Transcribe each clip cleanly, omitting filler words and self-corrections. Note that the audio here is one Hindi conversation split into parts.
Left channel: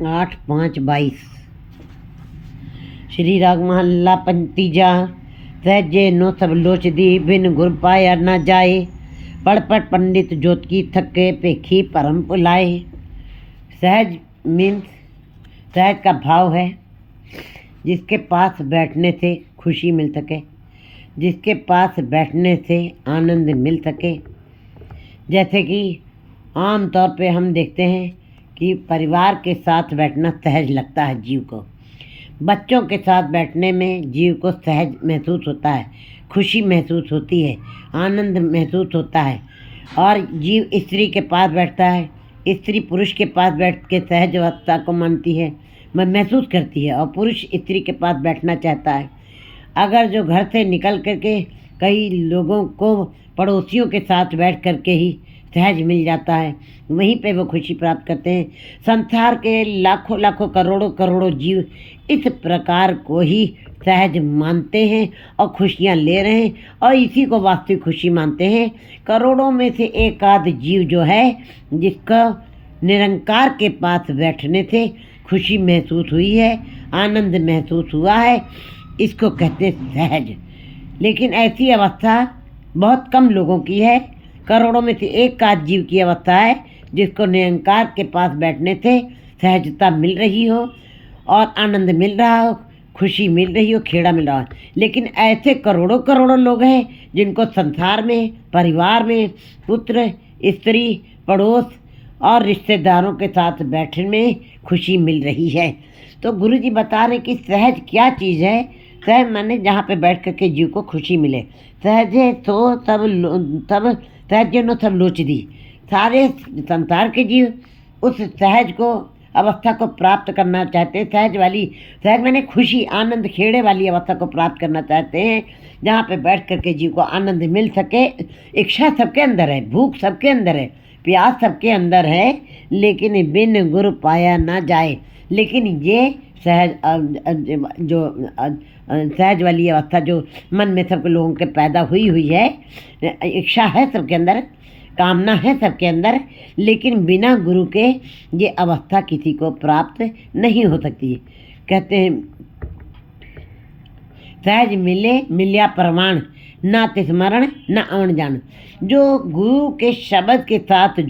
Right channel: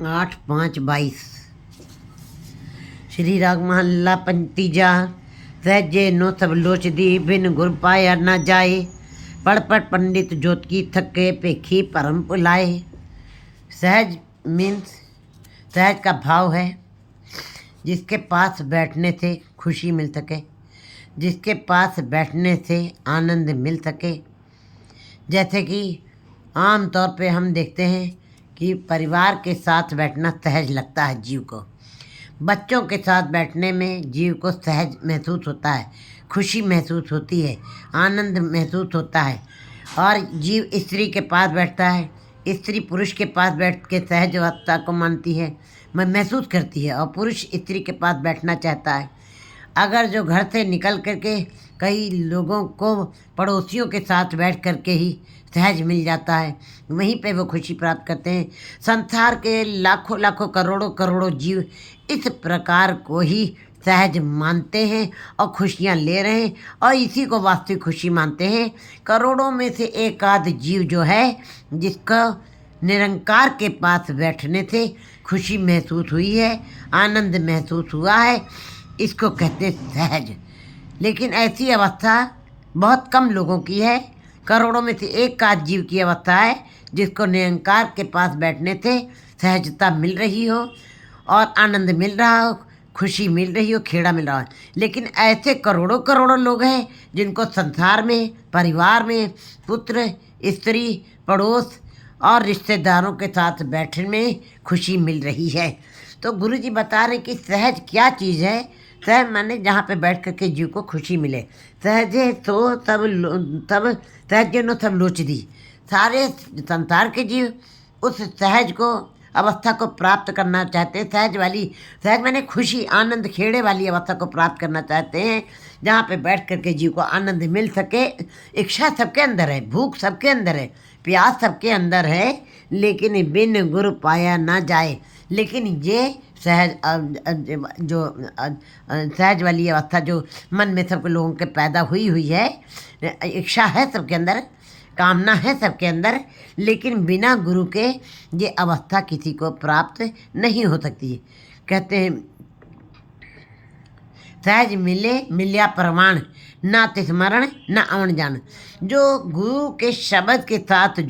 8-5-22। श्री राग महल्ला पंतीजा। सहजे नो सब लोच दी, बिन गुर पाया न जाए। पढ़ पढ़ पंडित जोत की, थके पेखी परम पुलाए। सहज मीन्स, सहज का भाव है जिसके पास बैठने से खुशी मिल सके, जिसके पास बैठने से आनंद मिल सके। जैसे कि आम तौर पे हम देखते हैं कि परिवार के साथ बैठना सहज लगता है जीव को। बच्चों के साथ बैठने में जीव को सहज महसूस होता है, खुशी महसूस होती है, आनंद महसूस होता है। और जीव स्त्री के पास बैठता है, स्त्री पुरुष के पास बैठ के सहज अवस्था को मानती है, महसूस करती है, और पुरुष स्त्री के पास बैठना चाहता है। अगर जो घर से निकल करके कई लोगों को पड़ोसियों के साथ बैठ करके ही सहज मिल जाता है, वहीं पे वो खुशी प्राप्त करते हैं। संसार के लाखों लाखों करोड़ों करोड़ों जीव इस प्रकार को ही सहज मानते हैं और खुशियाँ ले रहे हैं, और इसी को वास्तविक खुशी मानते हैं। करोड़ों में से एक आध जीव जो है जिसका निरंकार के पास बैठने से खुशी महसूस हुई है, आनंद महसूस हुआ है, इसको कहते हैं सहज। लेकिन ऐसी अवस्था बहुत कम लोगों की है। करोड़ों में से एक आध जीव की अवस्था है जिसको निरंकार के पास बैठने से सहजता मिल रही हो और आनंद मिल रहा हो, खुशी मिल रही हो, खेड़ा मिल रहा हो। लेकिन ऐसे करोड़ों करोड़ों लोग हैं जिनको संसार में, परिवार में, पुत्र, स्त्री, पड़ोस और रिश्तेदारों के साथ बैठने में खुशी मिल रही है। तो गुरु जी बता रहे कि सहज क्या चीज़ है। सहज माने जहाँ पे बैठ करके जीव को खुशी मिले। सहजे तो तब सहजे नो सब लोच दी। सारे संसार के जीव उस सहज को, अवस्था को प्राप्त करना चाहते हैं। सहज माने खुशी, आनंद, खेड़े वाली अवस्था को प्राप्त करना चाहते हैं, जहाँ पे बैठ करके जीव को आनंद मिल सके। इच्छा सबके अंदर है, भूख सबके अंदर है, प्यास सबके अंदर है, लेकिन बिन गुरु पाया ना जाए। लेकिन ये सहज सहज वाली अवस्था जो मन में सब लोगों के पैदा हुई है, इच्छा है सबके अंदर, कामना है सबके अंदर, लेकिन बिना गुरु के ये अवस्था किसी को प्राप्त नहीं हो सकती। कहते हैं सहज मिले मिल्या परवान, ना तिस्मरण ना अवन जान। जो गुरु के शब्द के साथ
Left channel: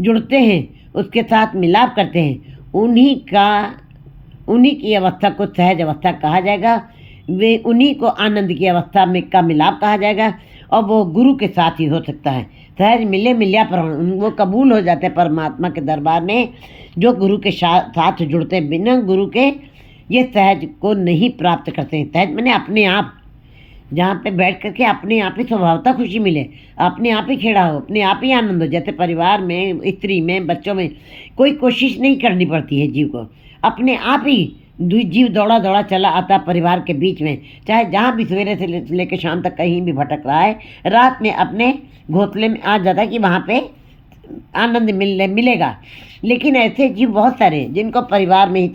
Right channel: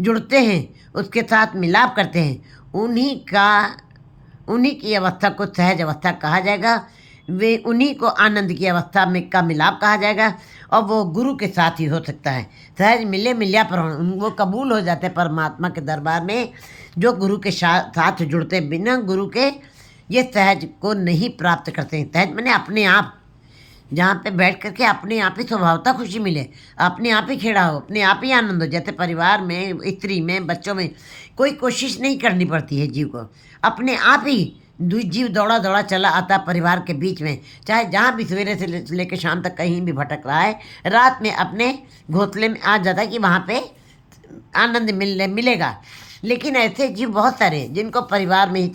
जुड़ते हैं, उसके साथ मिलाप करते हैं, उन्हीं की अवस्था को सहज अवस्था कहा जाएगा। वे उन्हीं को आनंद की अवस्था में का मिलाप कहा जाएगा, और वो गुरु के साथ ही हो सकता है। सहज मिले मिल्या परवान, वो कबूल हो जाते हैं परमात्मा के दरबार में। जो गुरु के साथ जुड़ते हैं, बिना गुरु के ये सहज को नहीं प्राप्त करते हैं। सहज माने अपने आप, जहाँ पे बैठ करके अपने आप ही स्वभावता खुशी मिले, अपने आप ही खेड़ा हो, अपने आप ही आनंद हो। जैसे परिवार में, स्त्री में, बच्चों में कोई कोशिश नहीं करनी पड़ती है जीव को, अपने आप ही जीव दौड़ा दौड़ा चला आता परिवार के बीच में। चाहे जहाँ भी सवेरे से लेकर शाम तक कहीं भी भटक रहा है, रात में अपने घोंसले में आ जाता है कि वहाँ पे आनंद मिलेगा। लेकिन ऐसे जीव बहुत सारे हैं जिनको परिवार में ही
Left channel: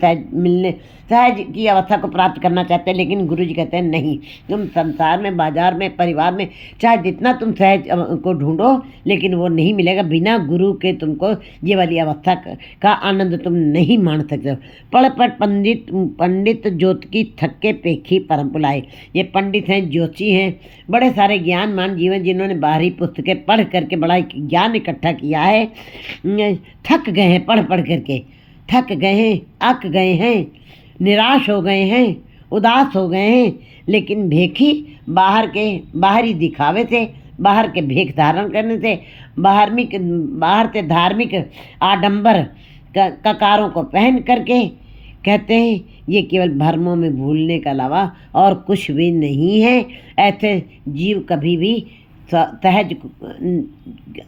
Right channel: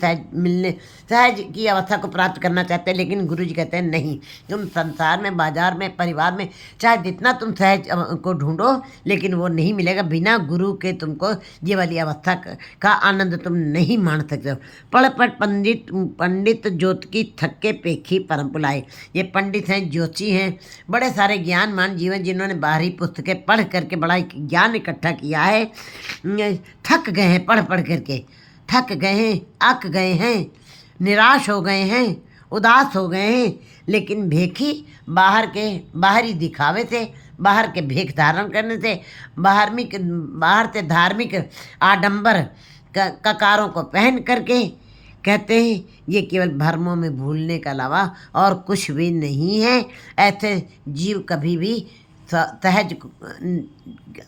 सहज की अवस्था को प्राप्त करना चाहते हैं, लेकिन गुरु जी कहते हैं नहीं, तुम संसार में, बाजार में, परिवार में चाहे जितना तुम सहज को ढूंढो, लेकिन वो नहीं मिलेगा। बिना गुरु के तुमको ये वाली अवस्था का आनंद तुम नहीं मान सकते हो। पढ़ पढ़ पंडित ज्योत की, थके पेखी परम पुलाए। ये पंडित हैं, ज्योतिषी हैं, बड़े सारे ज्ञानमान जीवन जिन्होंने बाहरी पुस्तकें पढ़ करके बड़ा ज्ञान इकट्ठा किया है, थक गए हैं पढ़ पढ़ करके, थक गए हैं, अक गए हैं, निराश हो गए हैं, उदास हो गए हैं। लेकिन भेखी बाहरी दिखावे से, बाहर के भेख धारण करने से, बाहर से धार्मिक आडंबर ककारों को पहन करके कहते हैं ये केवल भ्रमों में भूलने के अलावा और कुछ भी नहीं है। ऐसे जीव कभी भी सहज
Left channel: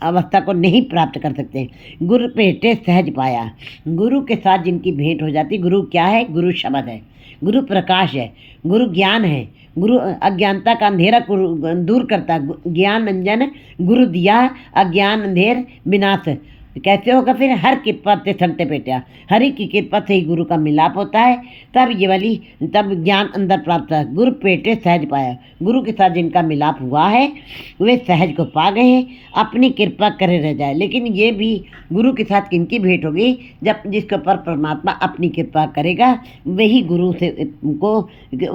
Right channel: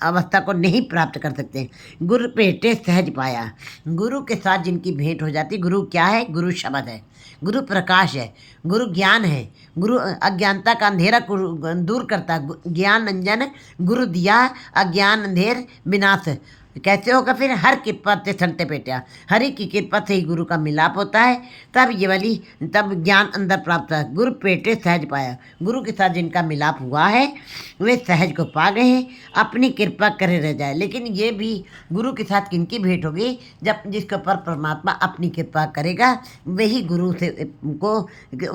अवस्था को नहीं प्राप्त कर सकते। गुरु भेटे सहज पाया। गुरु के साथ जिनकी भेंट हो जाती, गुरु क्या है? गुरु शब्द है, गुरु प्रकाश है, गुरु ज्ञान है, गुरु अज्ञानता का अंधेरा दूर करता है। ज्ञान अंजन गुरु दिया, अज्ञान अंधेर विनाश। कैसे होगा फिर? हर कृपा ते संते पेटिया, हरि की कृपा से ही गुरु का मिलाप होता है, तब ये वाली तब ज्ञान अंदर प्राप्त है। गुरु पेटे सहज पाया, गुरु के साथ जिनका मिलाप हुआ है वे सहज को पा गए हैं, अपनी कृपा करे रह जाए। लेकिन ये भी गुरु के साथ किनकी भेंट होगी? जब जिसके ऊपर परमात्मा अपनी कृपा करेगा वही गुरु से को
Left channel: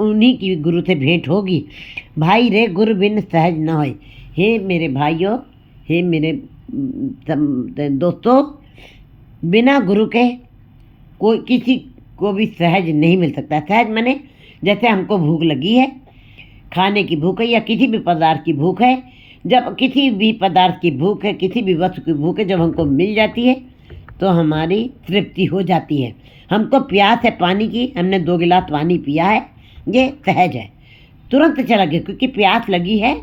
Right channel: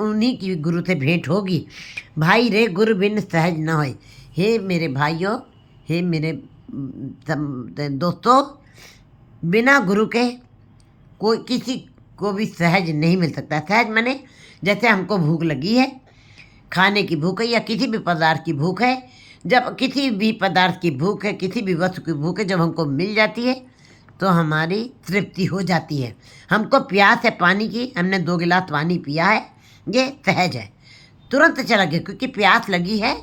उन्हीं की गुरु से भेंट होगी। भाई रे गुरु बिन सहज न होए। हे मेरे भाइयों, हे मेरे दोस्तों, बिना गुरु के कोई किसी को भी सहज नहीं मिल सकता। सहज माने जैसे हमको भूख लगी है, खाने की भूख है या किसी भी पदार्थ की भूख है, जब किसी भी पदार्थ की भूख है, किसी भी वस्तु की भूख है, जब हमको मिल जाती है तो हमारी तृप्ति हो जाती है। हमको प्यास है पानी की, हमने 2 गिलास पानी पिया है, ये सहज है, तुरंत चला गया, क्योंकि प्यास लगी है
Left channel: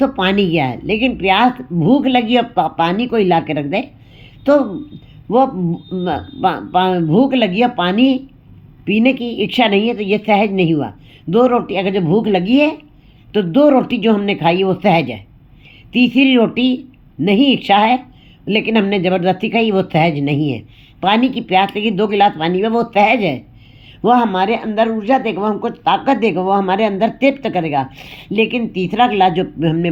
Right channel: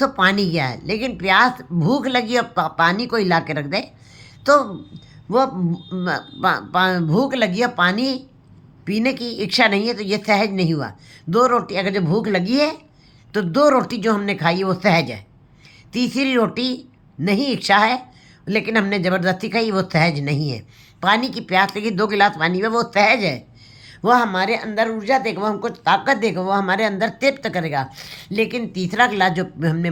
तो पानी गया है। लेकिन प्यास भूख लगी और पानी को हिला के रख दे तो वो भूख लगी और पानी पीने की इच्छा नहीं है, तो ये सहज नहीं हुआ। 2 रोटी अगर जो भूख लगी है तो 2 रोटी जो हमने खाई है वो सहज है। तीसरी रोटी नहीं इच्छा है लेकिन हमने ज़बरदस्ती खाई, वो सहज नहीं है। पानी की प्यास लगी, 2 गिलास पानी में, वो सहज है। वो हमारे अंदर ऊर्जा देगा, वो हमको ताकत देगा, वो हमारे अंदर तृप्त करेगा। लेकिन तीसरा गिलास जो हमने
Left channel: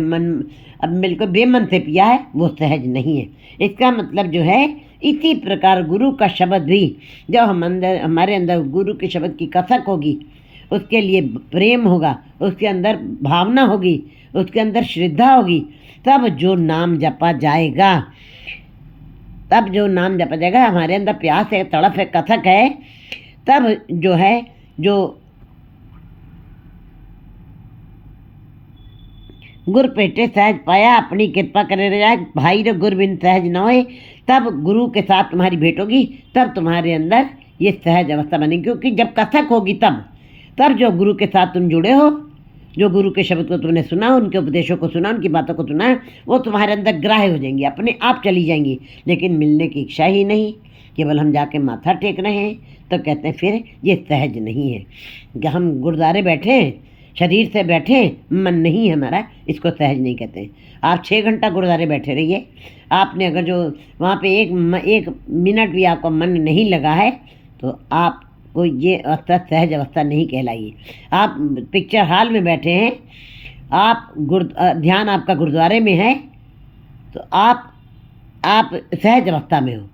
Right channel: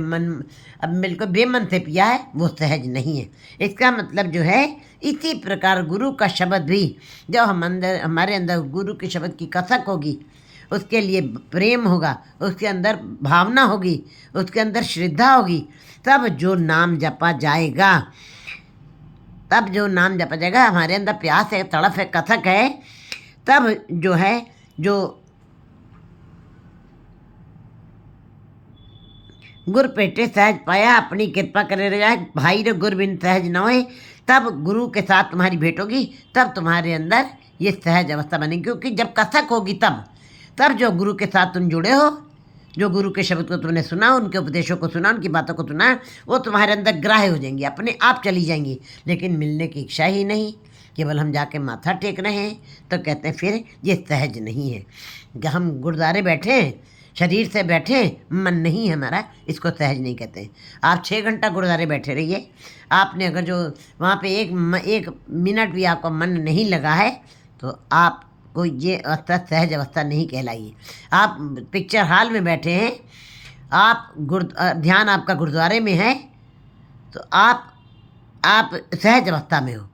अब बिल्कुल बेमन से पिया है वो सहज नहीं है। इसका मतलब जो है, इसी प्रकार गुरु का शब्द भी जब हमारे अंदर गुरु के शब्द की कसक होगी, उसके लिए प्रेम होगा, उसके अंदर भावना होगी, उसके अंदर श्रद्धा होगी, तब जो नाम जपा जाएगा, तब जो नाम जपा जाएगा, हमारे अंदर प्यास है, तड़प है, कसक है, तब जो है जो गुर पेटे सहज पाया, अपनी कृपा करे रह जाए। भाई रे गुर बिन सहज न होए। तब गुरु के साथ तुम्हारी भेंट होगी, तब तुम्हारे अंदर ये सहज अवस्था बनेगी। क्योंकि जब कसक होगी तब जो गुरु के साथ तुम जुड़े हो, जो गुरु के शब्द को तुमने सुना, उनके उपदेशों को सुना, उनकी बातों को सुना, वो तुम्हारे अंदर ग्राह्य हो जाएंगी, अपने आप चली जाएंगी। लेकिन मिलने की इच्छा ही नहीं, केवल हम जाके माथा टेक रहे हैं, तो कहते हैं फिर ये सहज नहीं है। हम गुरुद्वारे बैठे हैं, शरीर से बैठे, मन नहीं है हमारा, इसको सहज नहीं कहते। आप 6 घंटा गुरुद्वारे बैठे रहिए, आपने अगर जो वहाँ पे एक मिनट भी आपका मन नहीं लगा है तो आपको ये अवस्था सहज अवस्था नहीं कहलाएगी। आप पिक्चर हॉल में बैठे हैं, आप ध्यान आपका गुरुद्वारे में है, तो आप सहज अवस्था में हो।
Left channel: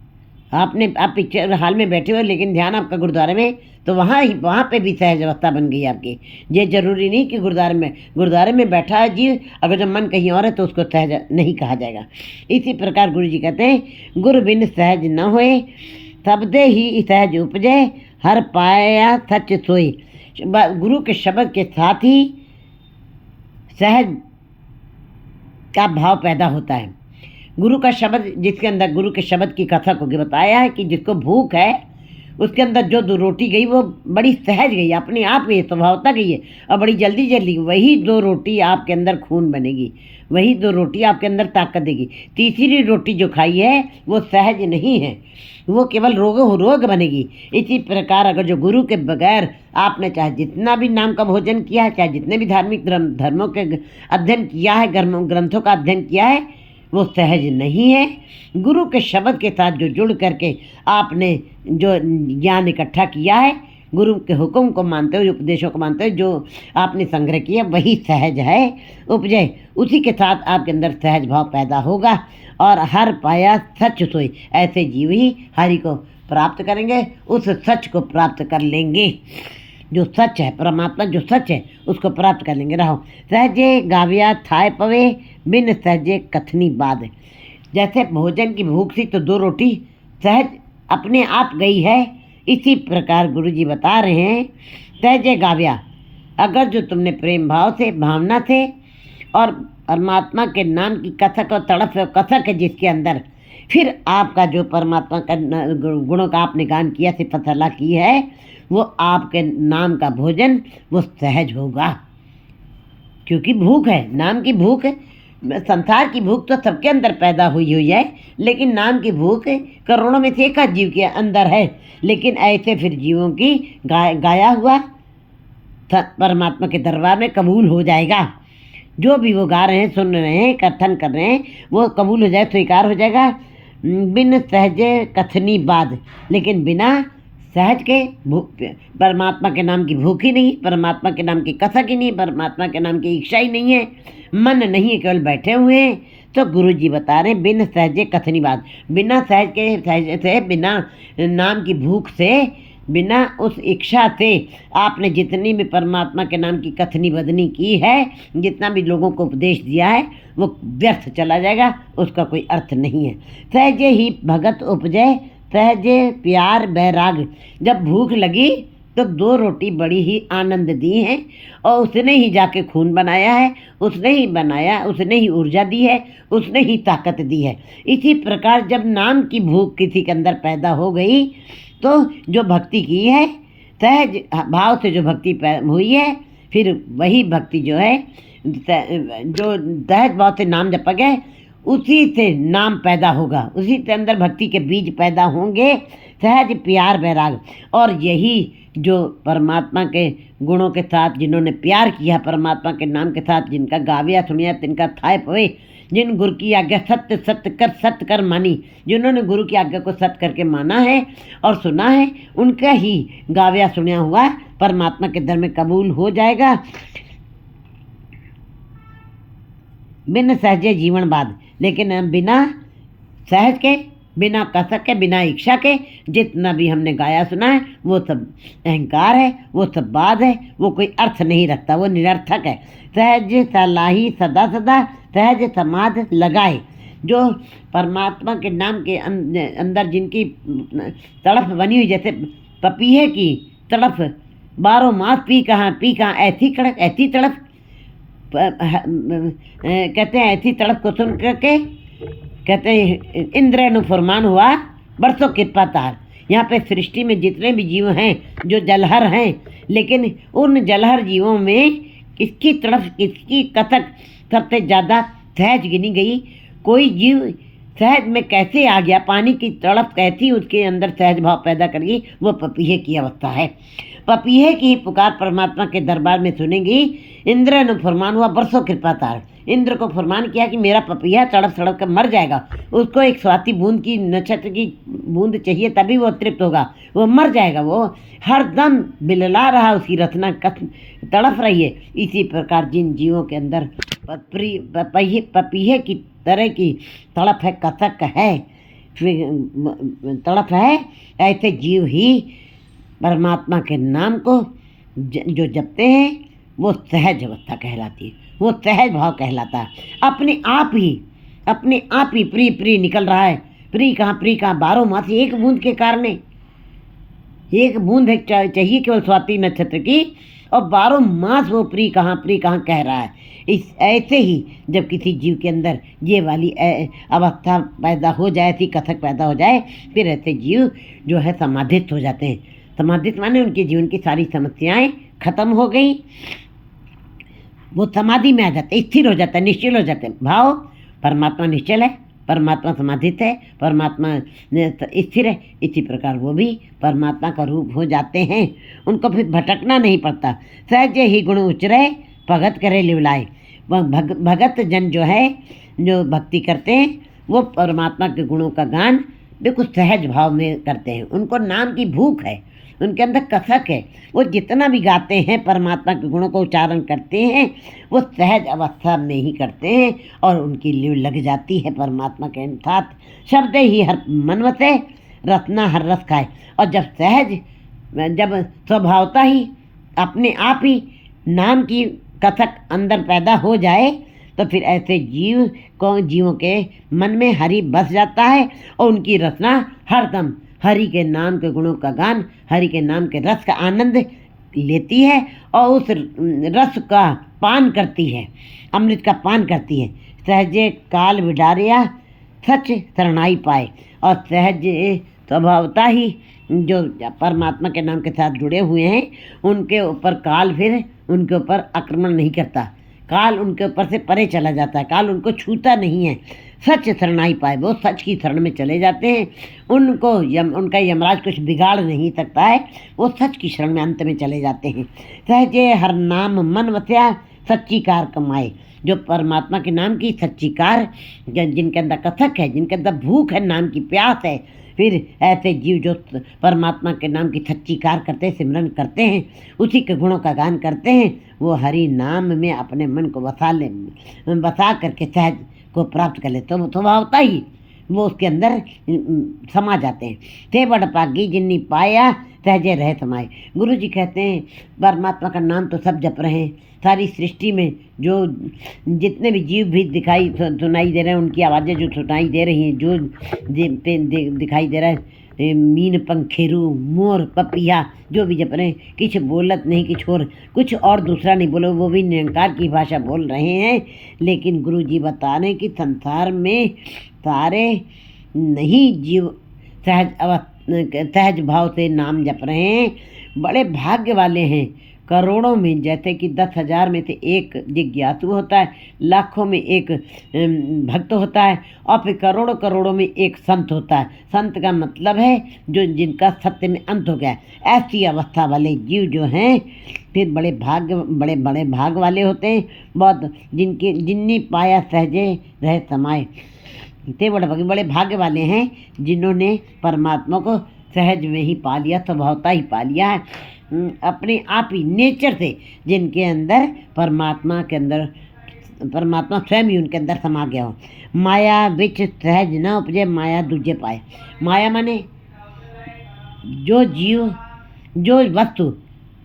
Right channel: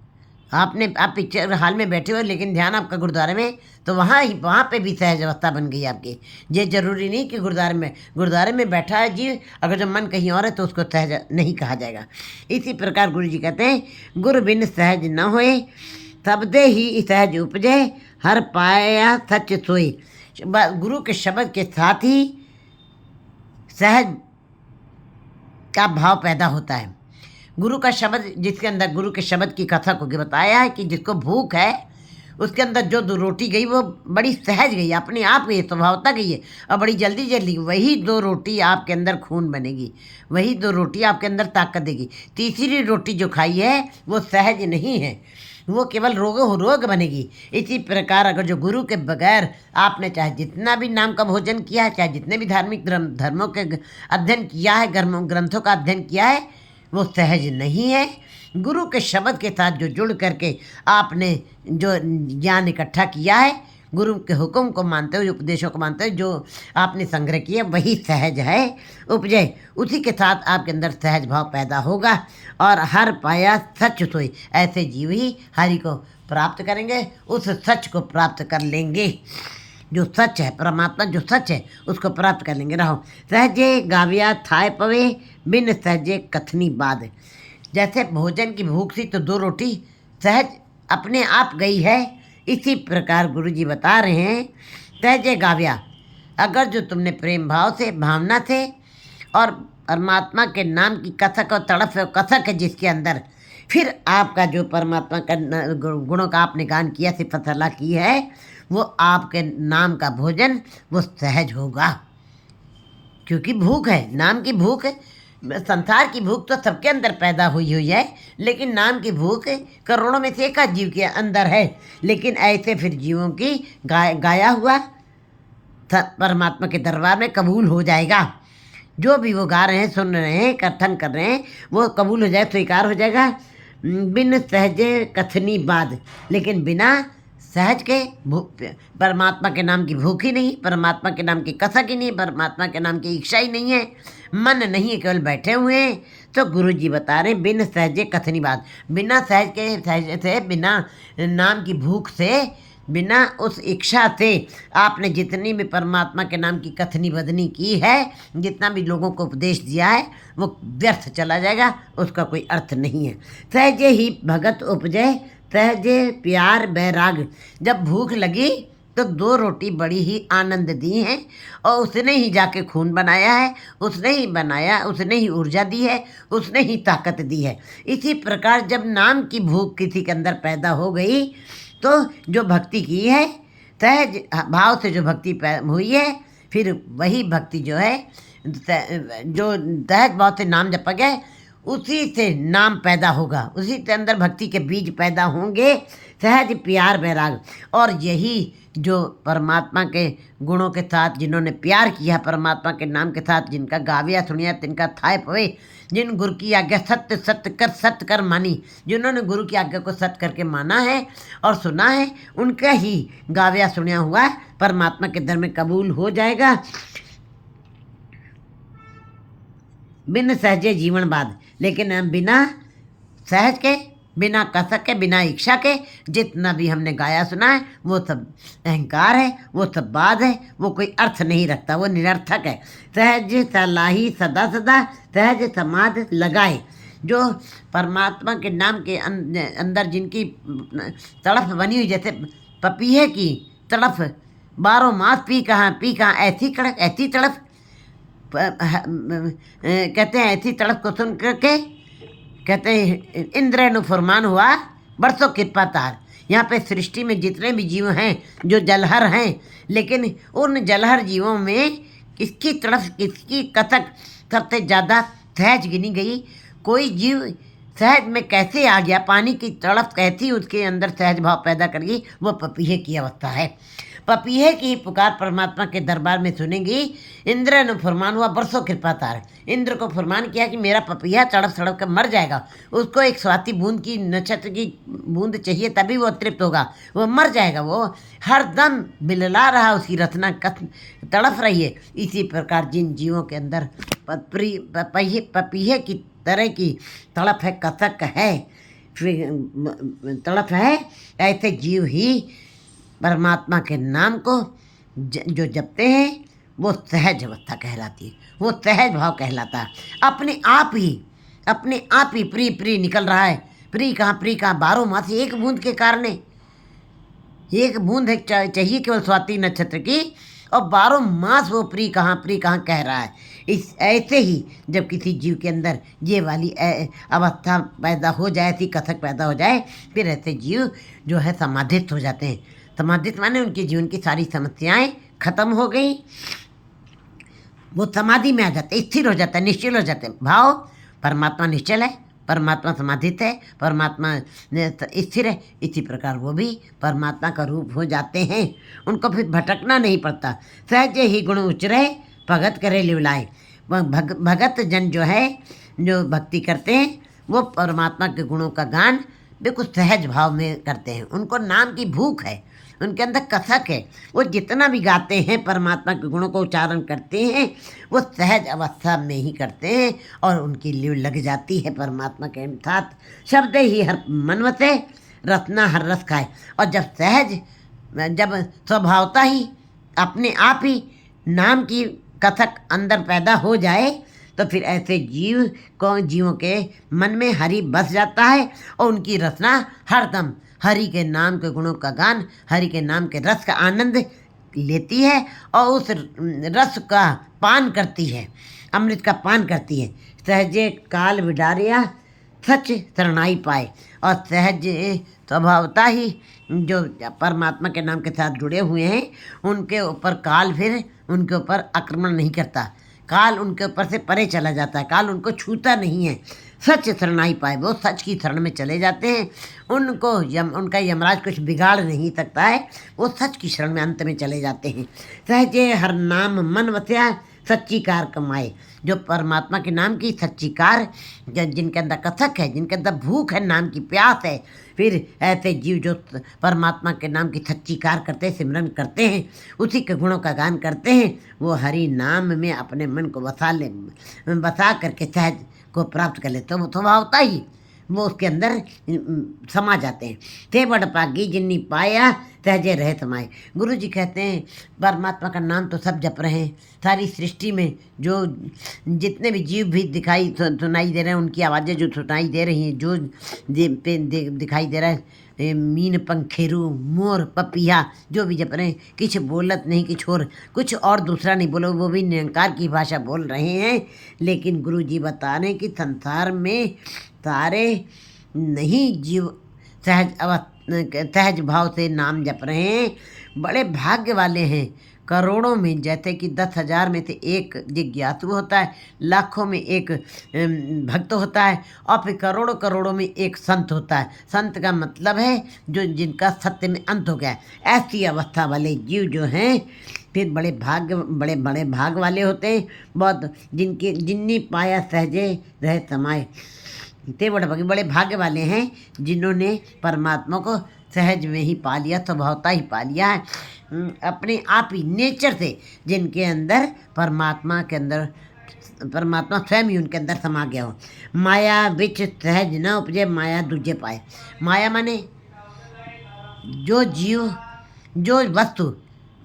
आप पिक्चर हॉल में बैठे हो लेकिन ध्यान आपका गुरुद्वारे में, तो वहाँ पे भी सहज अवस्था बन गई आपकी। ये जरूरी नहीं कि गुरुद्वारे में बैठा है जी, अगर जब मन कहीं और है तो उसको सहज नहीं कहा जाएगा। इसी प्रकार गुरु जी कहते हैं, गुरु बिन सहज न होए, शब्दे ही सहज उपजे, हर पाया सच सोए। गुरु के शब्द के साथ ही सहज का भाव पैदा होता है। गुरु का शब्द, जिसके अंदर गुरु के शब्द की कथा को बताया है कि जिसको भूख है उसके अंदर जो 2 रोटी गई वो बड़ी सहज गई, अपने आप गई, स्वभावता गई है, और बड़ी जल्दी वही 2 रोटी आपके अंदर खून बनेगी, वही 2 रोटी आपके अंदर ताकत देगी। तीसरी रोटी जो खाई है वो सहज नहीं है, वो केवल रोग बनेगी। इसी प्रकार अगर जो गुरु के बगैर आपने चाहे जितना भी नाम का भोजन किया है, चाहे जितने भी धार्मिक धर्मों के अध्ययन किया है, ग्रंथों का अध्ययन किया है, वो सहज नहीं है। गुरु के शब्द के साथ जो जुड़ करके आपने जो ज्ञान इकट्ठा किया है, गुरु के हुक्म को मानते हुए, उपदेशों को मानते हुए जो आपने संग्रह किया, वही सहज है उपजय। उसी के साथ आपके अंदर सहज भाव पैदा होगा और हर पाया सच सोई। ऐसे जीव ही हरि को प्राप्त करेंगे, उस सच को प्राप्त कर लेंगे। जो सच है, परमात्मा जो सच है, उसको प्राप्त कर लेंगे। रहो सहजे गाविया थाय पवे, बिन सहजे कथनी बाद। जैसे भोजन की भूख थी तो 2 रोटी सहज अपने आप गई है, इसी प्रकार गुरु जी बता रहे हैं, सहजे गाविया, अगर जो तुमने प्रेम भाव से, भावना से और परमात्मा के नाम की कथक और तड़प और कसक है जिसके अंदर, फिर आपका जो परमात्मा का गुणों का आपने गान किया, सिफत अल्लाह की है, वो आपके नाम का भोजन वो सहज होगा। क्योंकि भूख है, नाम की भूख है। संसार की भूख तो सबके अंदर पैदा हुई है, लेकिन नाम की भूख करोड़ों में से एक जीव के अंदर है। लेकिन ऐसे फिर जीवों की गाया हुआ परमात्मा के दरबार में कबूल हो जाएगा। जो भी वो गा रहे हैं, सुन रहे हैं, कथन कर रहे हैं, वो कबूल हो जाए, स्वीकार हो जाएगा। बिन सहजे कथनी बात, लेकिन बिना सहज के परमात्मा के नाम की भूख ही नहीं, परमात्मा के नाम की कसक ही नहीं, परमात्मा के नाम की इच्छा ही नहीं है, मन नहीं है, केवल बैठे हुए हैं। तो गुरु जी बता रहे बिन सहजे कथनी बात, बिना सहज के, सहज से, बिना नाम की भूख से, बिना उस इच्छा से आपने जितनी भी परमात्मा के नाम की कथनी बदनी की है, जितना भी लोगों को उपदेश दिया है, वो व्यर्थ चला जाएगा, उसका कोई अर्थ नहीं है। सहजे ही भगत उपजय, सहजे प्यार बैराग, जब भूख लगी तो 2 रोटी बड़ी ही आनंद दी हैं, और उसने ही जाके खून बनाया है, उसने ही बनाया, उसने ही ऊर्जा दी है, उसने ही ताकत दी है। इसी प्रकार जब नाम की भूख किसी के अंदर पैदा हो गई, तो जो भक्ति की है, सहज भाव से जो भक्ति हुई है, फिर वही भक्ति जो है, जो सहज भाव से नाम जपा गया, उसी से नाम पैदा होगा, उसी के अंदर भक्ति के बीज पैदा होंगे, सहज प्यार बैराग। और यही जो परमात्मा के गुणों के साथ जिन्होंने प्यार किया, परमात्मा के नाम के साथ जिनका गाविया सुनिया तिनका थाय पवे, जिन गुरु की आज्ञा सत्य सत्य कर मानी, जिन्होंने गुरु की आज्ञा को सत्य करके माना है और सुना है, उनका ही गाविया सुनिया हुआ परमात्मा के दर में कबूल हो जाएगा। बिन सहजे जीवन बाद, लेकिन बिना सहज के, बिना कसक के, बिना इच्छा के जितना भी हमने गाया सुना है, वो सब अहंकार है, वो सब बात है, वो कोई अर्थ नहीं रखता, वो निरर्थक है। सहज सलाही सदा सदा, सहज समाध लगाए, जो परमात्मा के नाम के अंदर जिनकी तड़फ बनी हुई, जैसे पपीहे की तड़फ, 12 मास पी कहाँ ऐसी कड़क ऐसी तड़फ, कहते हैं ऐसी तड़फ को सुन करके कहते हैं इंद्र नु फरमान हुआ बरसों कृपा तार। यहाँ पे सृष्टि में जितने भी जीव हैं जो जलहर हैं, लेकिन उन जलहर जीवों में किसकी तड़फ, किसकी कथक सबसे ज़्यादा सहज गिनी गई। कोई जीव सहज में कैसे आ गया, पानी की तड़फ कैसी उसके अंदर सहज भाव पैदा करेगी, वो पपीहे की अवस्था है। पपीहे की पुकार परमात्मा के दरबार में सुनेंगी। इंद्र ने फरमान हुआ बरसों कृपा तार, इंद्र को फरमान किया कि मेरा पपीहा तड़प तड़प कर मर जाएगा, उसको एक स्वाति बूंद की, नक्षत्र की बूंद चाहिए तभी वो तृप्त होगा, वो मर जाएगा, वो हर दम बिलला रहा, उसकी रचना तड़फ रही है। इसी प्रकार जिन जीवों के अंदर पपीहे की तरह की तड़प है, कसक है, तड़प है, ऐसे जीव ही परमात्मा के नाम को जो जपते हैं वो सहज अवस्था कहलाती है, वो सहज भाव कहलाता है। अपने आप ही प्री प्री निकल रहा है। प्री कहाँ 12 मास एक बूंद के कारण, एक बूंद चाहिए केवल स्वाति नक्षत्र की, और 12 मास वो प्री कहाँ कह रहा है। इस ऐसे ही जब किसी जीव के अंदर ये वाली अवस्था पैदा हो जाए, ऐसी कथक पैदा हो जाए, फिर ऐसे जीव जो है समाधित हो जाते हैं। समाधित माने उनके जीवन की सारी समस्याएं खत्म हो गई, वो समाधि में आ जाते, स्थिर हो जाता है, निश्चल हो जाते हैं। भाव परमात्मा निश्चल है, परमात्मा समाधित है, परमात्मा स्थिर है, इसी प्रकार वो भी परमात्मा का रूप हो जाते हैं। उनको फिर भटकना नहीं पड़ता। सहज ही गुण उचरे भगत करे लिवलाए। भगत जन जो है, जो भक्ति करते हैं, वो परमात्मा के गुणों का गान बिल्कुल सहज भाव में करते हैं। उनको नाम की भूख है, उनके अंदर कसक है, वो जितना भी गाते हैं परमात्मा के गुणों को उच्चारण करते हैं, वो सहज अवस्था में ही करते हैं, और उनकी लिव लग जाती है परमात्मा के साथ। शब्द ही हर मनवते रत्ना हर रस खाए। और जब सहज, जब स्वभावता ही अपने आप ही नाम की कथक अंदर पैदा हो जाए, तो फिर ऐसे जीवों के मन में हरि बस जाता है, और उनकी रचना हरदम हरि के नाम के गुणों का गान, हरि के नाम के रस का आनंद लेती है, और उस रस का पान करती है, अमृत का पान करती है। सहजे काल विडारिया सच शरणाई पाए। और सहज स्वभावता ही जो परमात्मा के नाम के साथ जुड़े हुए हैं, उनके ऊपर काल फिर उनके ऊपर आक्रमण नहीं करता, काल उनके ऊपर से परे चला जाता है, काल उनको छूता नहीं है। सच शरणाई पाए, वो सच की शरण में चले जाते हैं, उनको उनका यमराज कुछ बिगाड़ नहीं सकता है, वो सच की शरण में अंत में चले जाते हैं। सहजे हर नाम मन वस्या सच्ची कार कमाए। जो परमात्मा के नाम की सच्ची कार, जिनके अंदर कथक है, जिनके अंदर भूख है, नाम की प्यास है, फिर ऐसे जीव जो परमात्मा के नाम की सच्ची कार करते हैं, सिमरन करते हैं, उसी के गुणों का गान करते हैं, वो हरि नाम में अपने मन को बसा करके सहज को प्राप्त कर लेते, तो वो स्वभाव होता ही वो उसके अंदर समा जाते हैं। थे बड़ पागी जिन्नी पाया सहजे रहे समाए। गुरु जी कहते हैं परमात्मा का नाम तो सब जप रहे हैं, सारी सृष्टि में जो जितने भी जीव भी सुनाई दे रहे हैं, उनकी आवाज़ें जो सुनाई दे रही हैं, जो दिखाई दे रहा है, मीन पंखेरू मोर पपिया जो भी जप रहे हैं, कुछ बोलत नहीं, कुछ और दूसरा नहीं बोलो, वो भी निरंकार की भाषा बोल रहे हैं। लेकिन गुरु जी बता रहे हैं कि संसार में सारे नहीं जीव सहज भाव से नाम जप रहे हैं। बड़े भाग्य वाले हैं। करोड़ों में, जैसे कि 10,000 में से एक जिज्ञासु होता है, लाखों में एक भक्त होता है, और फिर करोड़ों करोड़ों में एक संत होता है। संत का मतलब है जो जिनका सत्य में अंत हो गया है। ऐसी अवस्था वाले जीव जो हैं फिर बड़े बड़े भाग वाले होते हैं। बहुत जिनने पाया सहजे रहे समाए, ते बड़े भाग्य वाले हैं जिन्होंने परमात्मा को सहज में ही पा लिया, स्वभावता ही पा लिया है, अपने आप ही नेचर से, जिनके अंदर परमात्मा स्वयं ही उनके अंदर समा गया हो। माया बिच सहज न उपजे माया दूजे पाए। माया माने जो जीव जो वस्तु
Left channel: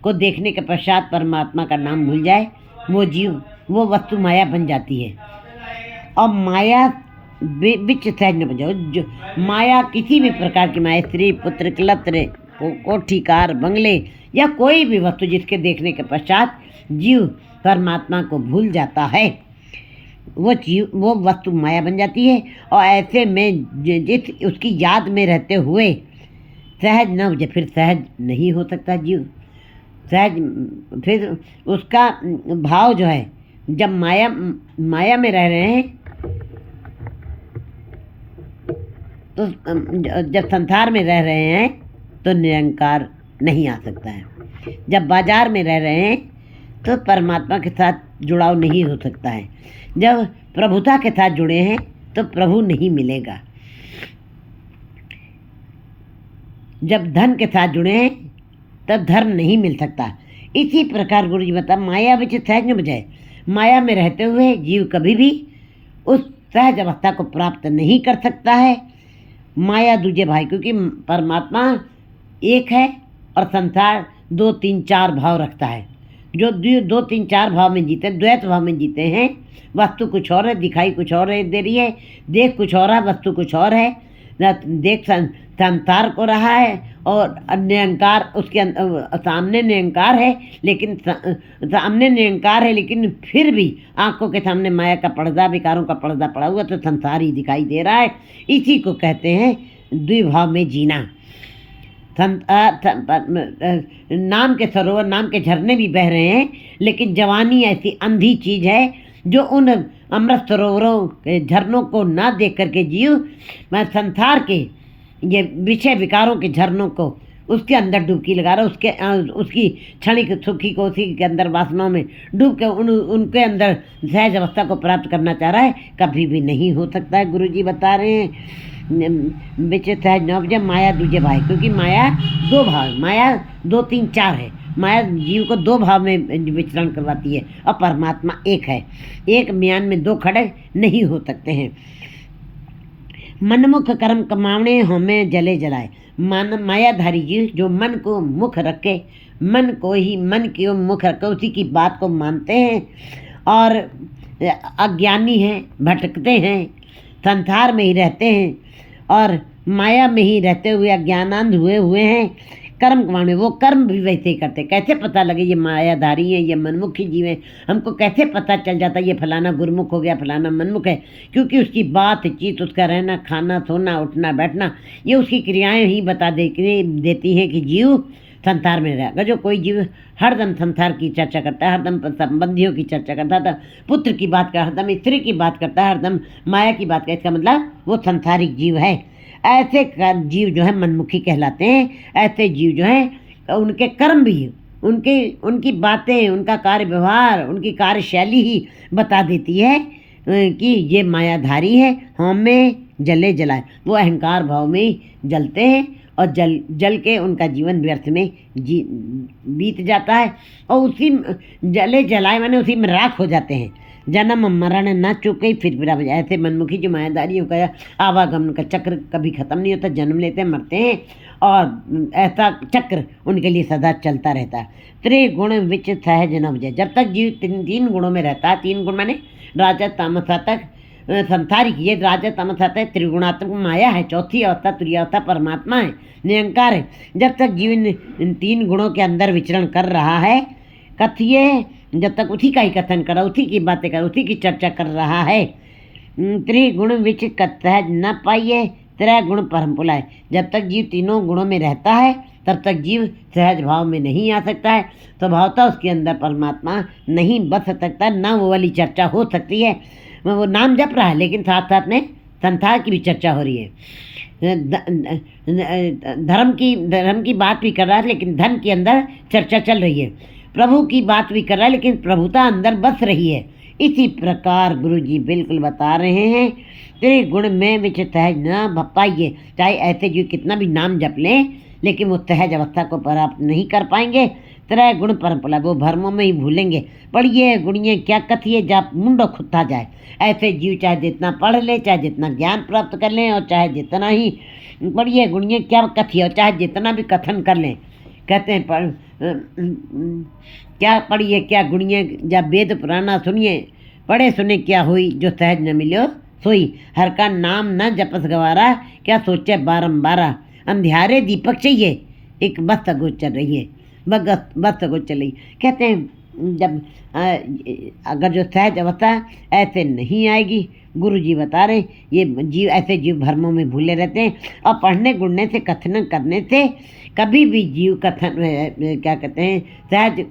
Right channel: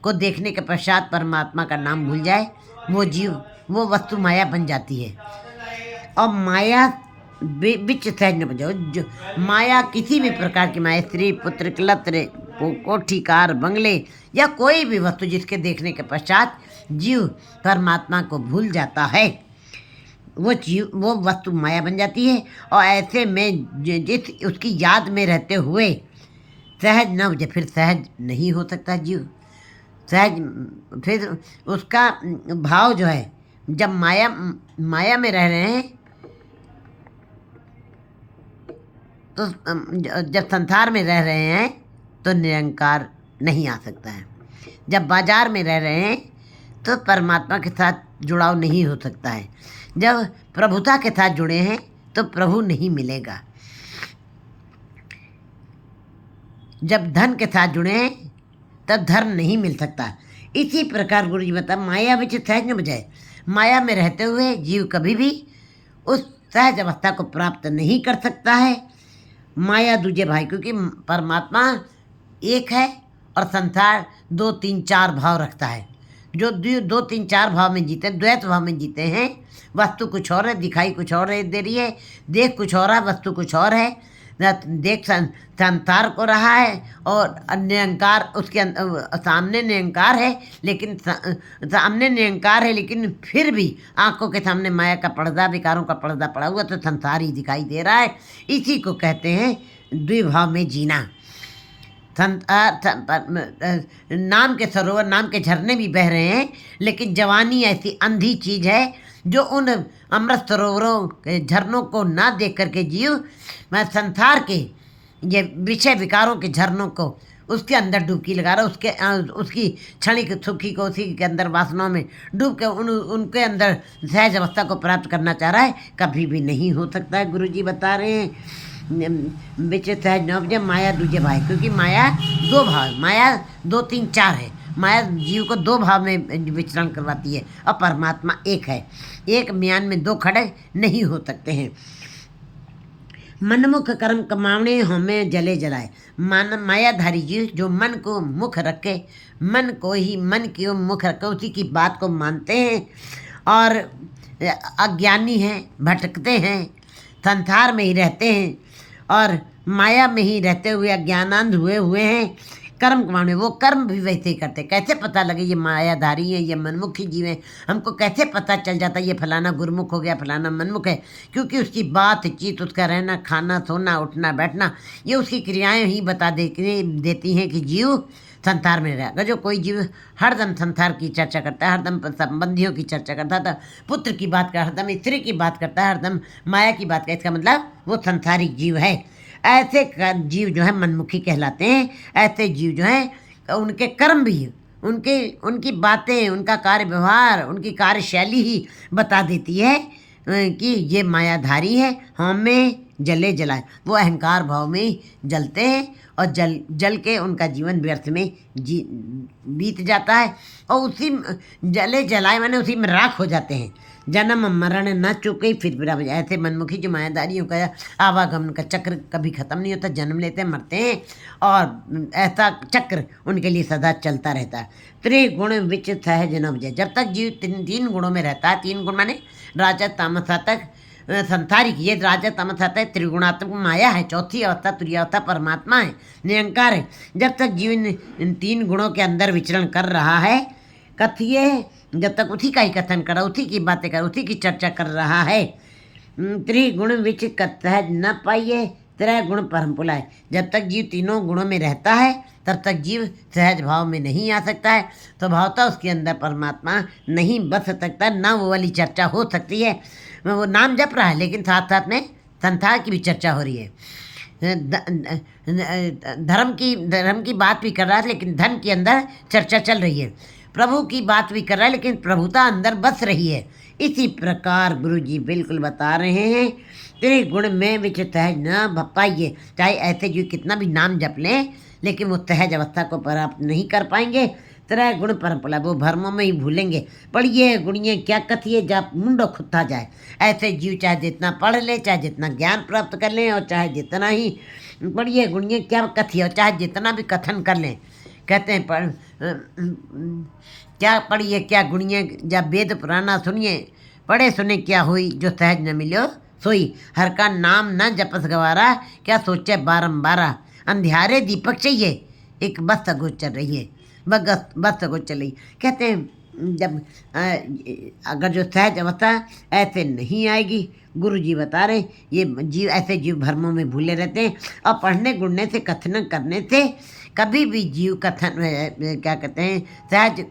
को देखने के पश्चात परमात्मा का नाम भूल जाए, वो जीव वो वस्तु माया बन जाती है। और माया बिच सहज न बजाओ, जो माया किसी भी प्रकार की माया, स्त्री पुत्र कलत्र कोठी कार बंगले या कोई भी वस्तु जिसके देखने के पश्चात जीव परमात्मा को भूल जाता है, वो वस्तु माया बन जाती है। और ऐसे में जिस उसकी याद में रहते हुए सहज न हो, फिर सहज नहीं हो सकता जीव। सहज फिर उसका भाव जो है, जब माया में रह रहे हैं तो जब संसार में रह रहे हैं तो निरंकार नहीं आ सकता है। जब बाजार में रह रहे हैं तो परमात्मा के साथ जुड़ाव नहीं हो सकता है। जब प्रभुता के साथ जुड़े हैं तो प्रभु नहीं मिलेगा। जब धन के साथ जुड़े हैं तब धर्म नहीं मिल सकता। इसी प्रकार गुरु जी बता, माया विच सहज न बजाए, माया में रहते हुए जीव कभी भी उस सहज अवस्था को प्राप्त नहीं कर सकता है। माया दूजे भाई, क्योंकि परमात्मा एक है और संसार 2, 3, 4 भाव रखता है। जो 2, 3, 4 भाव में जीते, द्वैत भाव में जीते हैं, वस्तु कुछ और है, दिखाई कुछ और दे रही है, देख कुछ और है, वस्तु कुछ और है। देख संसार को रहा है और निरंकार उसके सामने निरंकार है, लेकिन सामने निरंकार है, लेकिन फिर भी आंखों के सामने माया का पर्दा, विकारों का पर्दा पड़ा हुआ, तो संसार ही दिखाई दे रहा है। इसी को कहते हैं द्विभाव में जीना। नाम के सरोवर, नाम के झरने भी बह रहे हैं, लेकिन जवानी ऐसी अंधी चीज़ है जो उन अमृत सरोवरों के झरनों को ना देख करके जीव संसार के ये विषय विकारों के झरनों को उसके अंदर डुबकी लगा रहा, उसकी क्षणिक सुखी को उसी के अंदर वासनाओं में डूब के उनके अंदर सहज अवस्था को प्राप्त करना चाह रहा है। कभी भी नहीं हो सकता है। गुरु जी बता रहे हैं बिच सहज न उपजे माया दूजे भाई, क्योंकि माया 2 भाव, माया 2, 3, 4 है। माया जीव को 2 भाव में विचरण करवाती है और परमात्मा एक है। एक म्यान में 2 खड़े नहीं हो सकते हैं। मनमुख कर्म कमावने हमें जले जलाए। मायाधारी जीव जो मन को मुख रखे, मन की मुख रखे, उसी की बात को मानते हैं और अज्ञानी हैं, भटकते हैं, संसार में ही रहते हैं और माया में ही रहते हुए अज्ञानांध हुए हैं। कर्म कमाने, वो कर्म भी वैसे ही करते। कैसे पता लगे ये मायाधारी है, ये मनमुखी जीव है? हमको कैसे पता चल जाता ये फलाना गुरमुख हो गया, फलाना मनमुख है? क्योंकि उसकी बातचीत, उसका रहना, खाना, सोना, उठना, बैठना, ये उसकी क्रियाएं ही बता देती हैं कि जीव संसार में रहेगा। जो कोई जीव हरदम संसार की चर्चा करता है, हरदम संबंधियों की चर्चा करता था, पुत्र की बात करता, हरदम स्त्री की बात करता है, हरदम माया की बात करता, इसका मतलब वो संसारिक जीव है। ऐसे जीव जो है मनमुखी कहलाते हैं। ऐसे जीव जो हैं उनके कर्म भी उनकी बातें, उनका कार्य व्यवहार, उनकी कार्यशैली ही बता देती है कि ये मायाधारी है, हमें जले जलाए। वो अहंकार भाव में ही जलते हैं और जल के उनका जीवन व्यर्थ में बीत जाता है और उसी जले जलाए माने उसी में राख हो जाते हैं। जन्म मरण न चुके फिर ऐसे मनमुखी जो मायादारियों का आवागमन का चक्र कभी ख़त्म नहीं होता, जन्म लेते मरते हैं और ऐसा चक्र उनके लिए सदा चलता रहता है। त्रिगुण विच सहज न उपजे। जब तक जीव तीन गुणों में रहता है, तीन गुण माने राजा तामस तक संसारिक, ये राजा तमस आता है, त्रिगुणात्मक माया है, चौथी अवस्था तुरीयावस्था परमात्मा है, निरंकार है। जब तक जीव इन तीन गुणों के अंदर विचरण कर रहा है, कथिए जब तक उसी का ही कथन कर रहा, उसी की बातें कर, उसी की चर्चा कर रहा है। त्रिगुण विच सहज न पाइए त्रय गुण परम पुलाए। जब तक जीव तीनों गुणों में रहता है तब तक जीव सहज भाव में नहीं आ सकता है, तो भावता उसके अंदर परमात्मा नहीं बस सकता, ना वो वाली चर्चा हो सकती है। वो नाम जप रहा है लेकिन साथ साथ में संसार की भी चर्चा हो रही है, धर्म की बात भी कर रहा है लेकिन धन के अंदर चर्चा चल रही है, प्रभु की बात भी कर रहा है लेकिन प्रभुता अंदर बस रही है। इसी प्रकार गुरु जी बिल्कुल बता रहे हैं, तेरे गुण में विच सहज न भपाइए। चाहे ऐसे जो कितना भी नाम जप लें लेकिन वो सहज अवस्था को प्राप्त नहीं कर पाएंगे। त्रय गुण परम्परा, वो भरमों में ही भूलेंगे। पढ़िए गुणिए क्या कथिए जा मुंडो खुत्ता जाए। ऐसे जीव चाहे जितना पढ़ ले, चाहे जितना ज्ञान प्राप्त कर लें और चाहे जितना ही पढ़िए गुणिए क्या कथिए, और चाहे जितना भी कथन कर लें। कहते हैं क्या पढ़िए क्या गुणिए जा वेद पुराना सुनिए, पढ़े सुने क्या हुई जो सहज न मिलो सोई। हर का नाम न जपस गवारा, क्या सोचे बारंबारा। अंधियारे दीपक चाहिए एक बस गोचर रही है, बस गोचर रही। कहते हैं जब अगर जो सहज अवस्था ऐसे नहीं आएगी, गुरु जी बता रहे ये जीव ऐसे जीव भ्रमों में भूले रहते हैं। और पढ़ने गुड़ने से कथन करने से कभी भी जीव कथन क्या कहते हैं सहज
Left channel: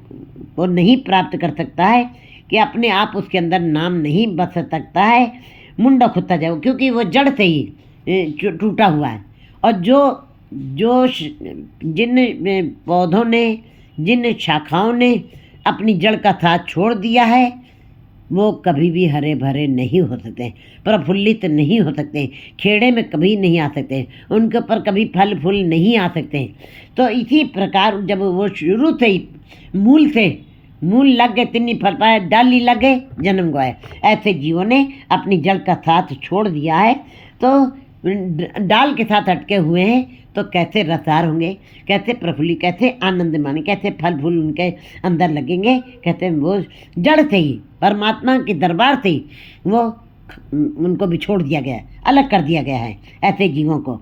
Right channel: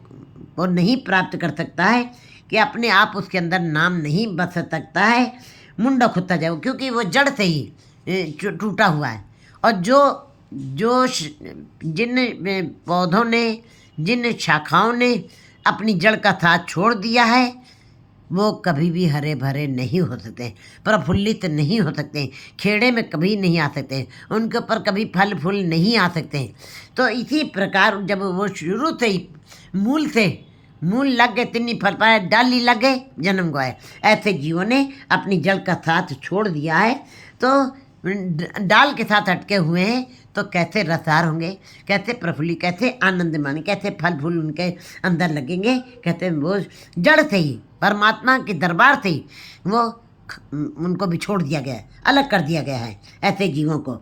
को नहीं प्राप्त कर सकता है, कि अपने आप उसके अंदर नाम नहीं बस सकता है। मुंडा खुत्ता जाए, क्योंकि वो जड़ से ही टूटा हुआ है। और जो जिन पौधों ने, जिन शाखाओं ने अपनी जड़ का साथ छोड़ दिया है, वो कभी भी हरे भरे नहीं हो सकते, प्रफुल्लित नहीं हो सकते, खेड़े में कभी नहीं आ सकते, उनके ऊपर कभी फल फूल नहीं आ सकते। तो इसी प्रकार जब वो शुरू से ही मूल लग गए, तिन्नी फल पाए, डाली लग गए, जन्म गए। ऐसे जीवों ने अपनी जड़ का साथ छोड़ दिया है, तो डाल के साथ अटके हुए हैं, तो कैसे रसार होंगे, कैसे प्रफुल्लित, कैसे आनंद माने, कैसे फल फूल उनके अंदर लगेंगे। कहते हैं वो जड़ से ही, परमात्मा के दरबार से ही वो उनको भी छोड़ दिया गया है, अलग कर दिया गया है ऐसे जीवों को।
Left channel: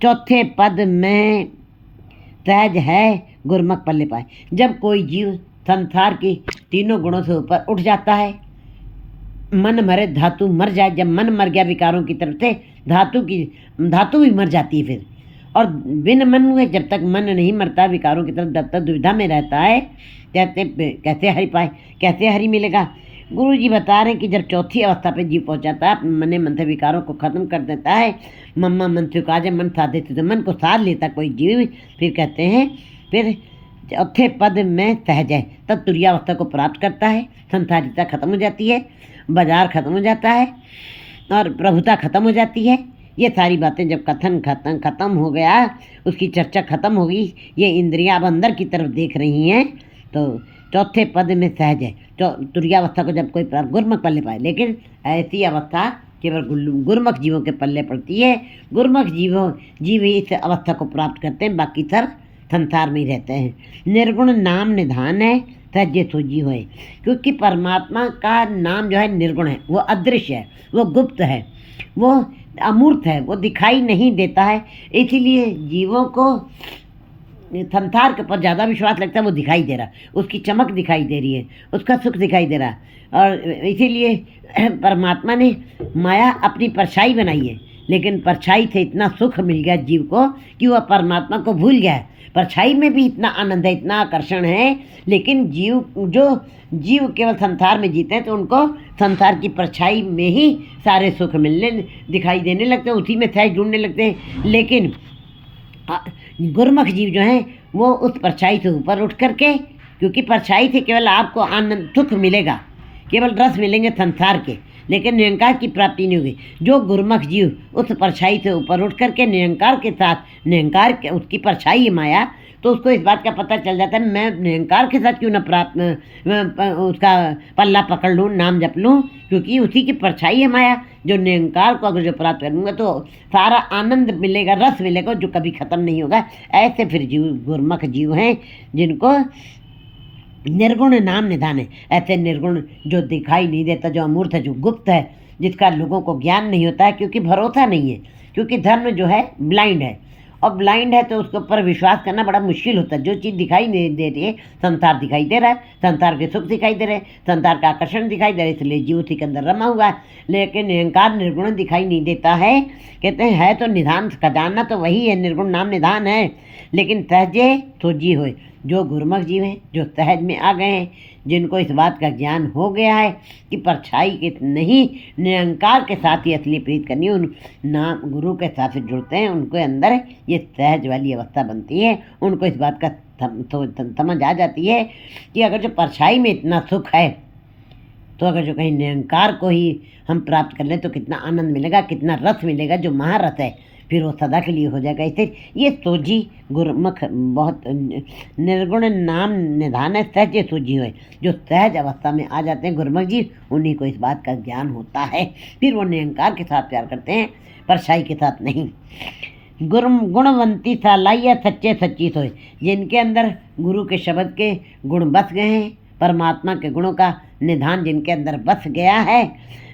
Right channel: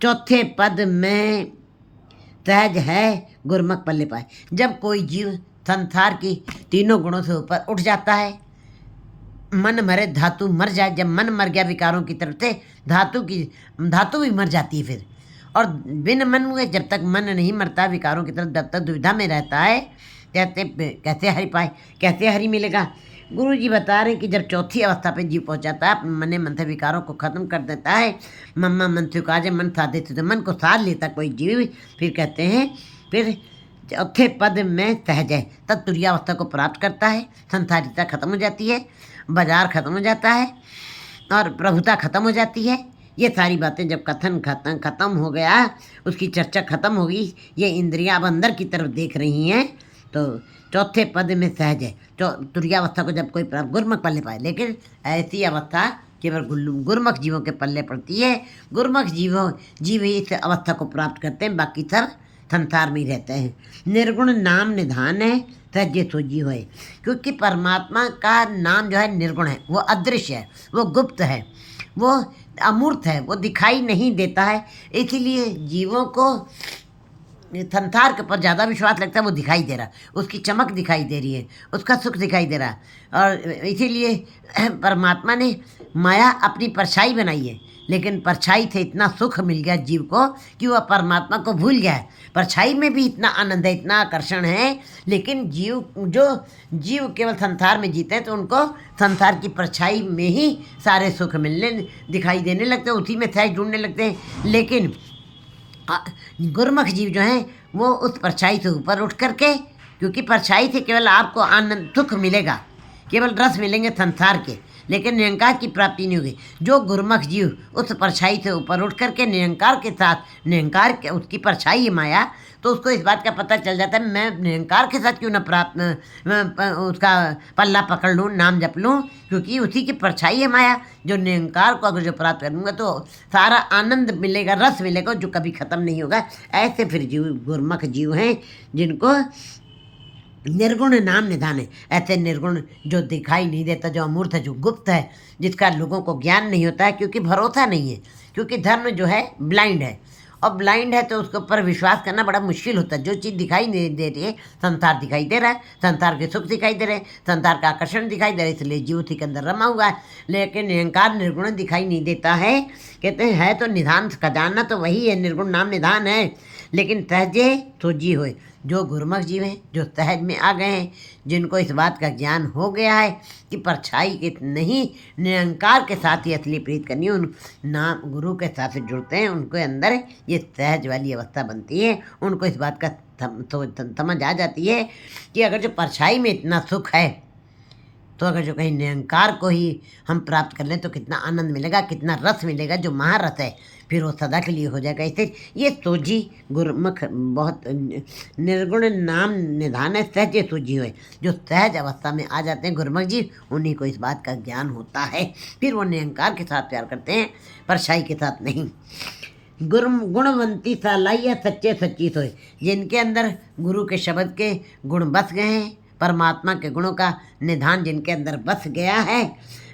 चौथे पद में सहज है गुरमुख पल्ले पाए। जब कोई जीव संसार की तीनों गुणों से ऊपर उठ जाता है, मन मरे धातु मर जाए। जब मन मर गया विकारों की तरफ से, धातु भी मर जाती है फिर। और बिन मन हुए, जब तक मन नहीं मरता विकारों की तरफ, जब तक दुविधा में रहता है, कैसे हरि पाए, कैसे हरि मिलेगा। गुरु जी बता रहे हैं कि जब चौथी अवस्था पे जीव पहुंचाता है, मन मन से विकारों को खत्म कर देता है, मम्मा मन से काजे मन साधे तो मन को साध लेता कोई जीव, फिर कहते हैं फिर चौथे पद में सहज है, तब तुरीयावस्था को प्राप्त करता है। संसारिता खत्म हो जाती है, बाजार खत्म हो जाता है और प्रभुता खत्म हो जाती है। ये सारी बातें जब कथन खत्म हो गया, उसकी चर्चा खत्म हो गई, ये इंद्रियां अब अंदर की तरफ देख रही हैं, तो चौथे पद में सहज है। तुरीयावस्था को जब कोई गुरमुख पल्ले पाए, लेकिन ऐसी अवस्था केवल गुरमुख जीवों के पल्ले पड़ती है। गुरमुख जीव ही इस अवस्था को प्राप्त करते हैं, बाकी सब संसार में ही रहते हैं। निर्गुण नाम निधान है सहजे सोजी होए, क्योंकि परमात्मा का नाम जो है निर्गुण है, वो अदृश्य है, वो गुप्त है, वो अमूर्त है, वो दिखाई नहीं देता है। इसीलिए जीवों को संसार के ऊपर ज़्यादा विश्वास लगता है, वो दिखाई दे रहा, उसकी चमक दिखाई दे रही है, उसका सुख दिखाई दे रहा। और इसीलिए परमात्मा ने माया अपनी परछाई बनाई है, लेकिन परछाई से इतना सुख मिल गया जीव को कि वह परमात्मा को भूल गया है। परछाई में भी इतना आनंद है, इतना आकर्षण है, लेकिन जीव केवल संसार में जीते हैं, तो उनको संसार की परछाई में ही सारे सुख मिलने दिखाई देने लगते हैं, उसी में सहज ढूंढने लगते हैं। लेकिन गुरमुख जीव जो हैं वो उस परछाई से ऊपर उठ करके, क्योंकि परछाई से केवल आपको आनंद सुख मिलेगा, केवल रस मिलेंगे संसार के, लेकिन निरंकार की प्राप्ति नहीं होगी। जो गुरमुख जीव उस परछाई से ऊपर उठ करके निरंकार के साथ, निरंकार के उसकी परछाई है माया, तो उसको इस बात का पता चल जाता है मैं निरंकार के साथ क्यों न उसका पल्ला पकड़ लूँ, नाम जप लूँ, क्योंकि उसी की परछाई है माया। जो निरंकार को अगर जो प्राप्त करूँगा तो सारा आनंद मिलेगा, रस मिलेगा जो कभी ख़त्म नहीं होगा। ऐसे फिर जीव गुरमुख जीव हैं जिनको निर्गुण नाम निधान है। ऐसे निर्गुण जो दिखाई नहीं देता, जो अमूर्त है, जो गुप्त है, जिसका लोगों को ज्ञान नहीं होता है, क्योंकि भरोसा नहीं है, क्योंकि धर्म जो है ब्लाइंड है, और ब्लाइंड है तो उसके ऊपर विश्वास करना बड़ा मुश्किल होता है। जो चीज़ दिखाई नहीं दे रही है, संसार दिखाई दे रहा है, संसार के सुख दिखाई दे रहे हैं, संसार का आकर्षण दिखाई दे रहा है, इसलिए जीव उसी के अंदर रमा हुआ है। लेकिन निरंकार निर्गुण दिखाई नहीं देता है। कहते हैं है तो निधान खजाना तो वही है, निर्गुण नाम निधान है, लेकिन सहजे तो जी होए। जो गुरमुख जीव हैं, जो सहज में आ गए हैं, जिनको इस बात का ज्ञान हो गया है कि परछाई के नहीं निरंकार के साथ ही असली प्रीत करनी, उन नाम गुरु के साथ जुड़ते हैं, उनके अंदर ये सहज वाली अवस्था बनती है। उनको इस बात का समझ आ जाती है कि अगर जो परछाई में इतना सुख है, तो अगर जो कहीं निरंकार को ही हम प्राप्त कर लें तो कितना आनंद मिलेगा, कितना रस मिलेगा, जो महारस है, फिर वो सदा के लिए हो जाएगा। इससे ये सोझी गुरमुख बहुत निर्गुण नाम निधान है, सहज सोझी हुए। जो सहज अवस्था में आ जाते हैं गुरमुख जी, उन्हीं को इस बात का ज्ञान होता है, फिर वो निरंकार के साथ प्यार करते हैं, परछाई के साथ नहीं। गुणवंती सालाइया सच्चे सच्ची सोए। जिनके अंदर गुरु के शब्द के गुण बस गए हैं, परमात्मा के गुणों का निधान जिनके अंदर बस गया है,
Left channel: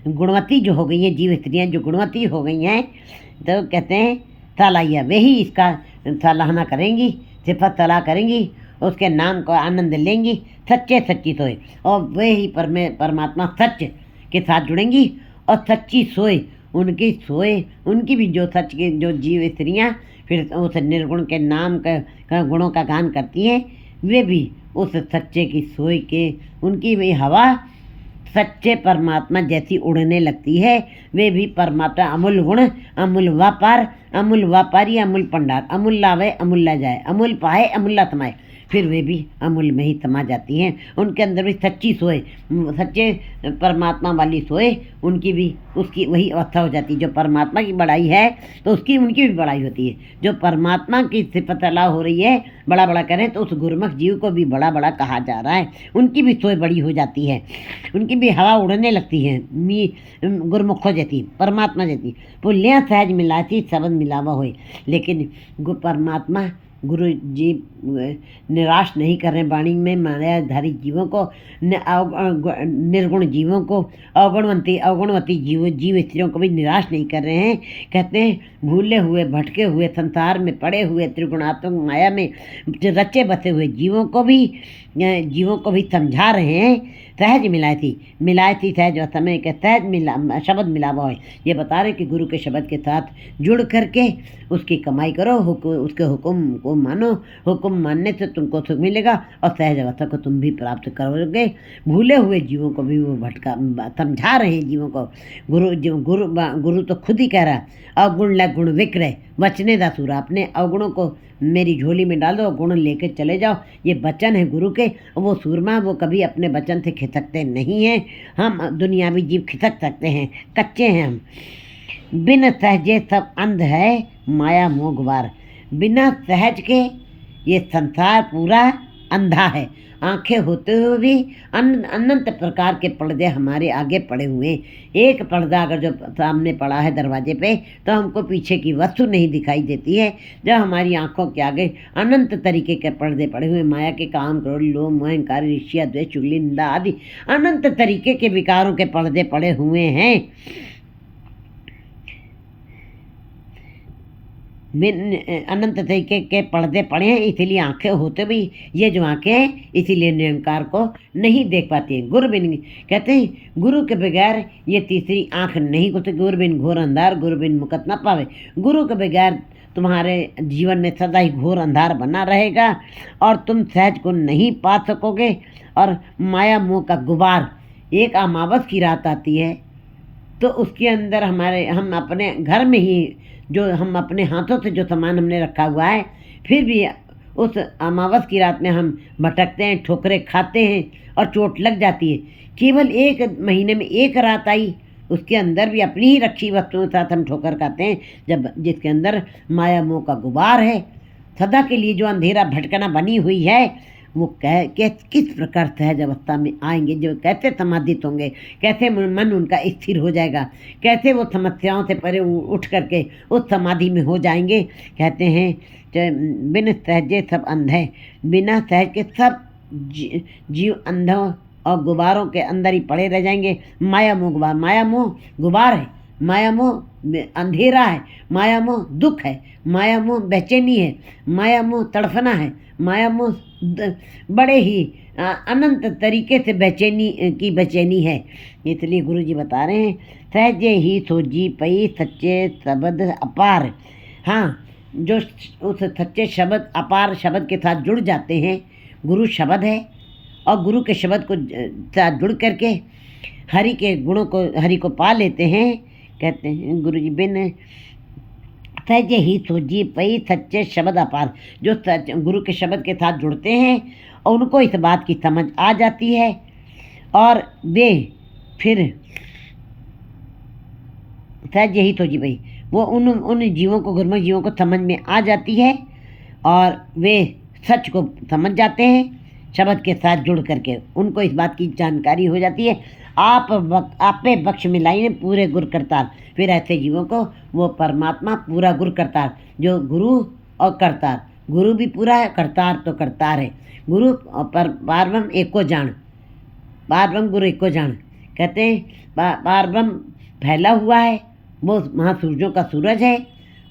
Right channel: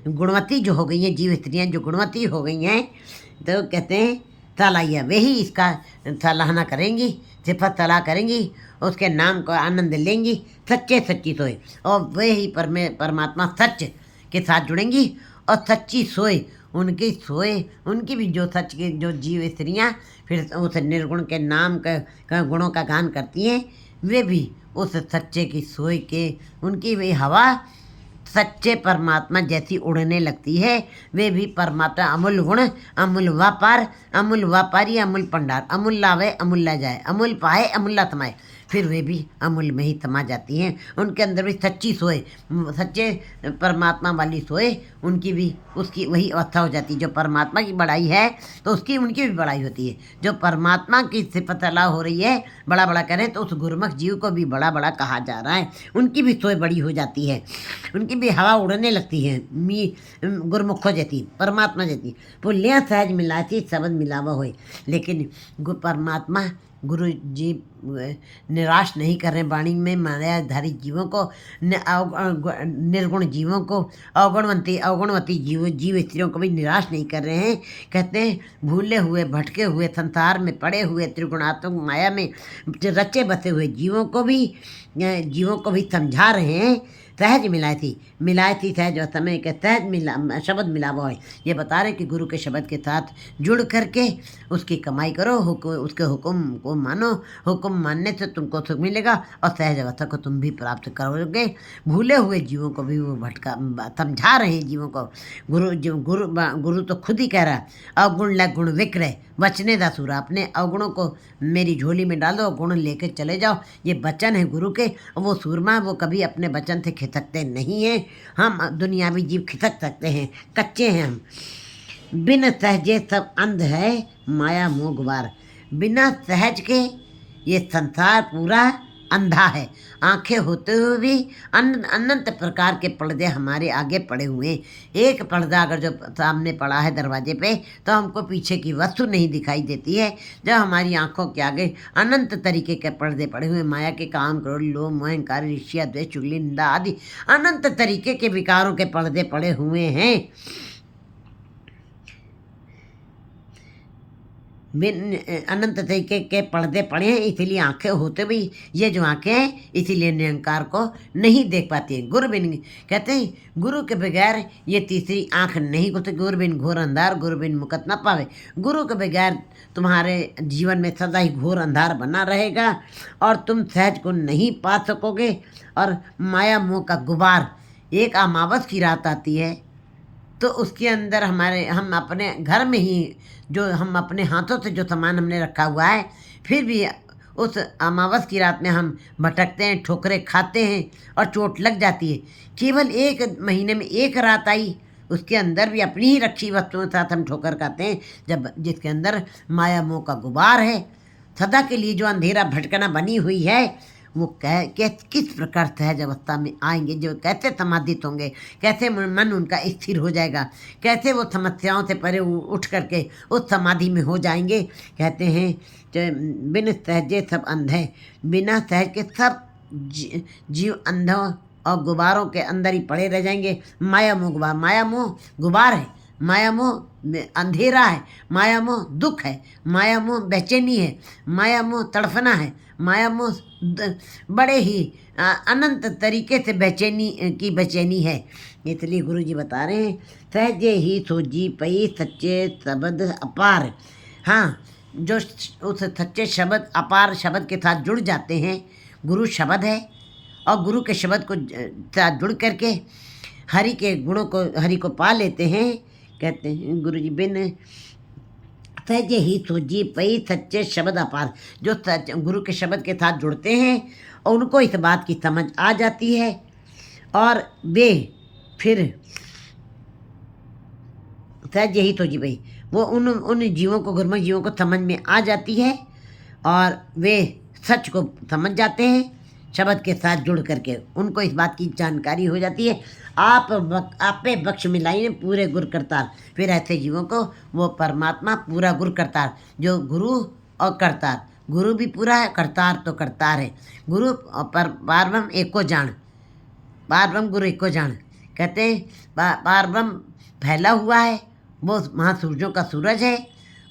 गुणवती जो हो गई हैं जीव स्त्रियाँ, जो गुणवती हो गई हैं, तो कहते हैं सालाइया, वे ही इसका सराहना करेंगी, सिफत सलाह करेंगी, उसके नाम का आनंद लेंगी, सच्चे सच्ची सोए। और वे ही परमात्मा सच के साथ जुड़ेंगी, और सच्ची सोए उनकी भी जो सच की जो जीव स्त्रियाँ फिर उस निर्गुण के नाम का गुणों का गान करती हैं, वे भी उस सच्चे की सोई के, उनकी भी हवा सच्चे परमात्मा जैसी उड़ने लगती है। वे भी परमात्मा अमूल गुण, अमूल व्यापारी, अमूल भंडार, अमूल लावे अमूल ला जाए, अमूल पाए अमूल्ला समाए, फिर वे भी अमूल में ही समा जाती हैं। उनके अंदर भी सच्ची सोए, सच्चे परमात्मा वाली सोए, उनकी भी उसकी वही अवस्था हो जाती है। जो परमात्मा की बड़ाई है तो उसकी उनकी भी बड़ाई होती है। जो परमात्मा की सिफत अला हो रही है, बड़ा बड़ा करें, तो उस गुरमुख जीव को भी बड़ा बड़ा कहा जा रहा है। उनकी भी सोए बड़ी हो जाती है, उनकी भी हवा उड़ने लगती है, गुरमुखों जैसी, परमात्मा जैसी। पुल्या सहज मिलाती शब्द मिलावा होए। लेकिन परमात्मा गुरु जी निराश नहीं कर रहे वाणी में मायाधारी जीवों को, निर्गुण जीवों को, अवगुणवती जीव स्त्रियों को भी निराश नहीं कर रहे हैं। कहते हैं भूले हुए भटके हुए संसार में पड़े हुए त्रिगुणात्मक माया में रचे बसे हुए जीवों को भी समझा रहे हैं। सहज मिलाई थी सहज समय के सहज शब्द मिलावा है। ये बता रहे कि गुरु के शब्द के साथ जुड़ करके उसकी कमाई करो, उसके हुक्म को मानो, हुक्म मानने से तुमको सुख मिलेगा और सहज अवस्था को तुम भी प्राप्त करोगे। भूले हुए जीवों को भी वो समझा रहे हैं जीवों को। गुरु तो खुद ही कह रहा है, अवगुण ल गुण विक्रय वचने दा सूरा, अपने अवगुणों को मेरी झोली में डाल दो, गुण लेके चले जाओ। ये वचन है गुरु के। वो सूरमा, वो कभी अपने वचन से खिसकते नहीं हैं। हम दुनियावी जीव खिसक सकते हैं, कच्चे हैं हम। बिन सहजे सब अंध है माया मोह गुबार। बिना सहज के ये संसार पूरा अंधा है। आंखें होते हुए भी अनंत प्रकार के पर्दे हमारे आगे पड़े हुए हैं। एक पर्दा अगर जो सामने पड़ा है दरवाजे पे, तो हमको पीछे की वस्तु नहीं दिखाई देती है। जब हमारी आंखों के आगे अनंत तरीके के पर्दे पड़े हुए, माया के काम, क्रोध, लोभ, मोह, अहंकार, ईर्ष्या, द्वेष, चुगली, निंदा आदि अनंत तरीके के विकारों के पर्दे पड़े हुए हैं। अनंत तरीके के पर्दे पड़े हैं, इसीलिए आंखें होते भी ये जो आंखें हैं, इसीलिए निरंकार को नहीं देख पाती हैं। गुरु बिन, कहते हैं गुरु के बगैर ये तीसरी आंख नहीं खुलती। गुरु बिन घोर अंधार, गुरु बिन मुकत न पावे। गुरु के बगैर तुम्हारे जीवन में सदा ही घोर अंधार बना रहेगा और तुम सहज को नहीं पा सकोगे। और माया मोह का गुबार, एक अमावस की रात आती है तो उसके अंदर हम अपने घर में ही जो हम अपने हाथों से जो सामान हमने रखा हुआ है, फिर भी उस अमावस की रात में हम भटकते हैं, ठोकरें खाते हैं और चोट लग जाती है। केवल 1 महीने में 1 रात आई, उसके अंदर भी अपनी ही रखी वस्तुओं के साथ हम ठोकर खाते हैं, जब जिसके अंदर माया मोह का गुबार है। सदा के लिए जो अंधेरा भटकना बनी हुई है, वो किस प्रकार सहज अवस्था में आएंगे, जो कैसे समाधित होंगे, कैसे मन उनका स्थिर हो जाएगा, कैसे वो समस्याओं से परे उठ करके उस समाधि में हो जाएंगे। कहते हैं बिन सहजे सब अंधे, बिना सहज के सब जीव अंधों और गुबारों के अंदर ही पड़े रह जाएंगे। माया मोह गुबार, माया मोह गुबार है, माया मोह अंधेरा है, माया मोह दुख है, माया मोह बेचैनी है, माया मोह तड़फना है, माया मोह बड़े ही अनंत तरीके से बेचैनी है। इसलिए गुरु जी बता रहे हैं, सहजे ही सोजी पई सच्चे शब्द अपार। हाँ, जो उस सच्चे शब्द अपार शब्द के साथ जुड़ जाते हैं, गुरु शब्द है, और गुरु के शब्द को साथ जुड़ करके हरि के गुणों को, हरि को पा लेते हैं। कहते हैं गुरु जी बिन सहजे ही सोजी पई सच्चे शब्द अपार, जो गुरु के शब्द के साथ जुड़ते हैं और उनको इस बात की समझ आ जाती है, और वे फिर सहजे ही सोजी पई, वो उन जीवों को, गुरुमुख जीवों को समझ में आ जाती है और वे सच को समझ जाते हैं। शब्द के साथ जुड़ करके उनको इस बात की जानकारी हो जाती है, आपे बख्श मिलाई ने पूरे गुर करतार। फिर ऐसे जीवों को वो परमात्मा पूरा गुर करतार, जो गुरु और करतार, गुरु भी पूरा है, करतार तो करतार है। गुरु पर पारब्रह्म एको जान, पारब्रह्म गुरु एको जान। कहते हैं पारब्रह्म फैला हुआ है, वो महासूरजों का सूरज है,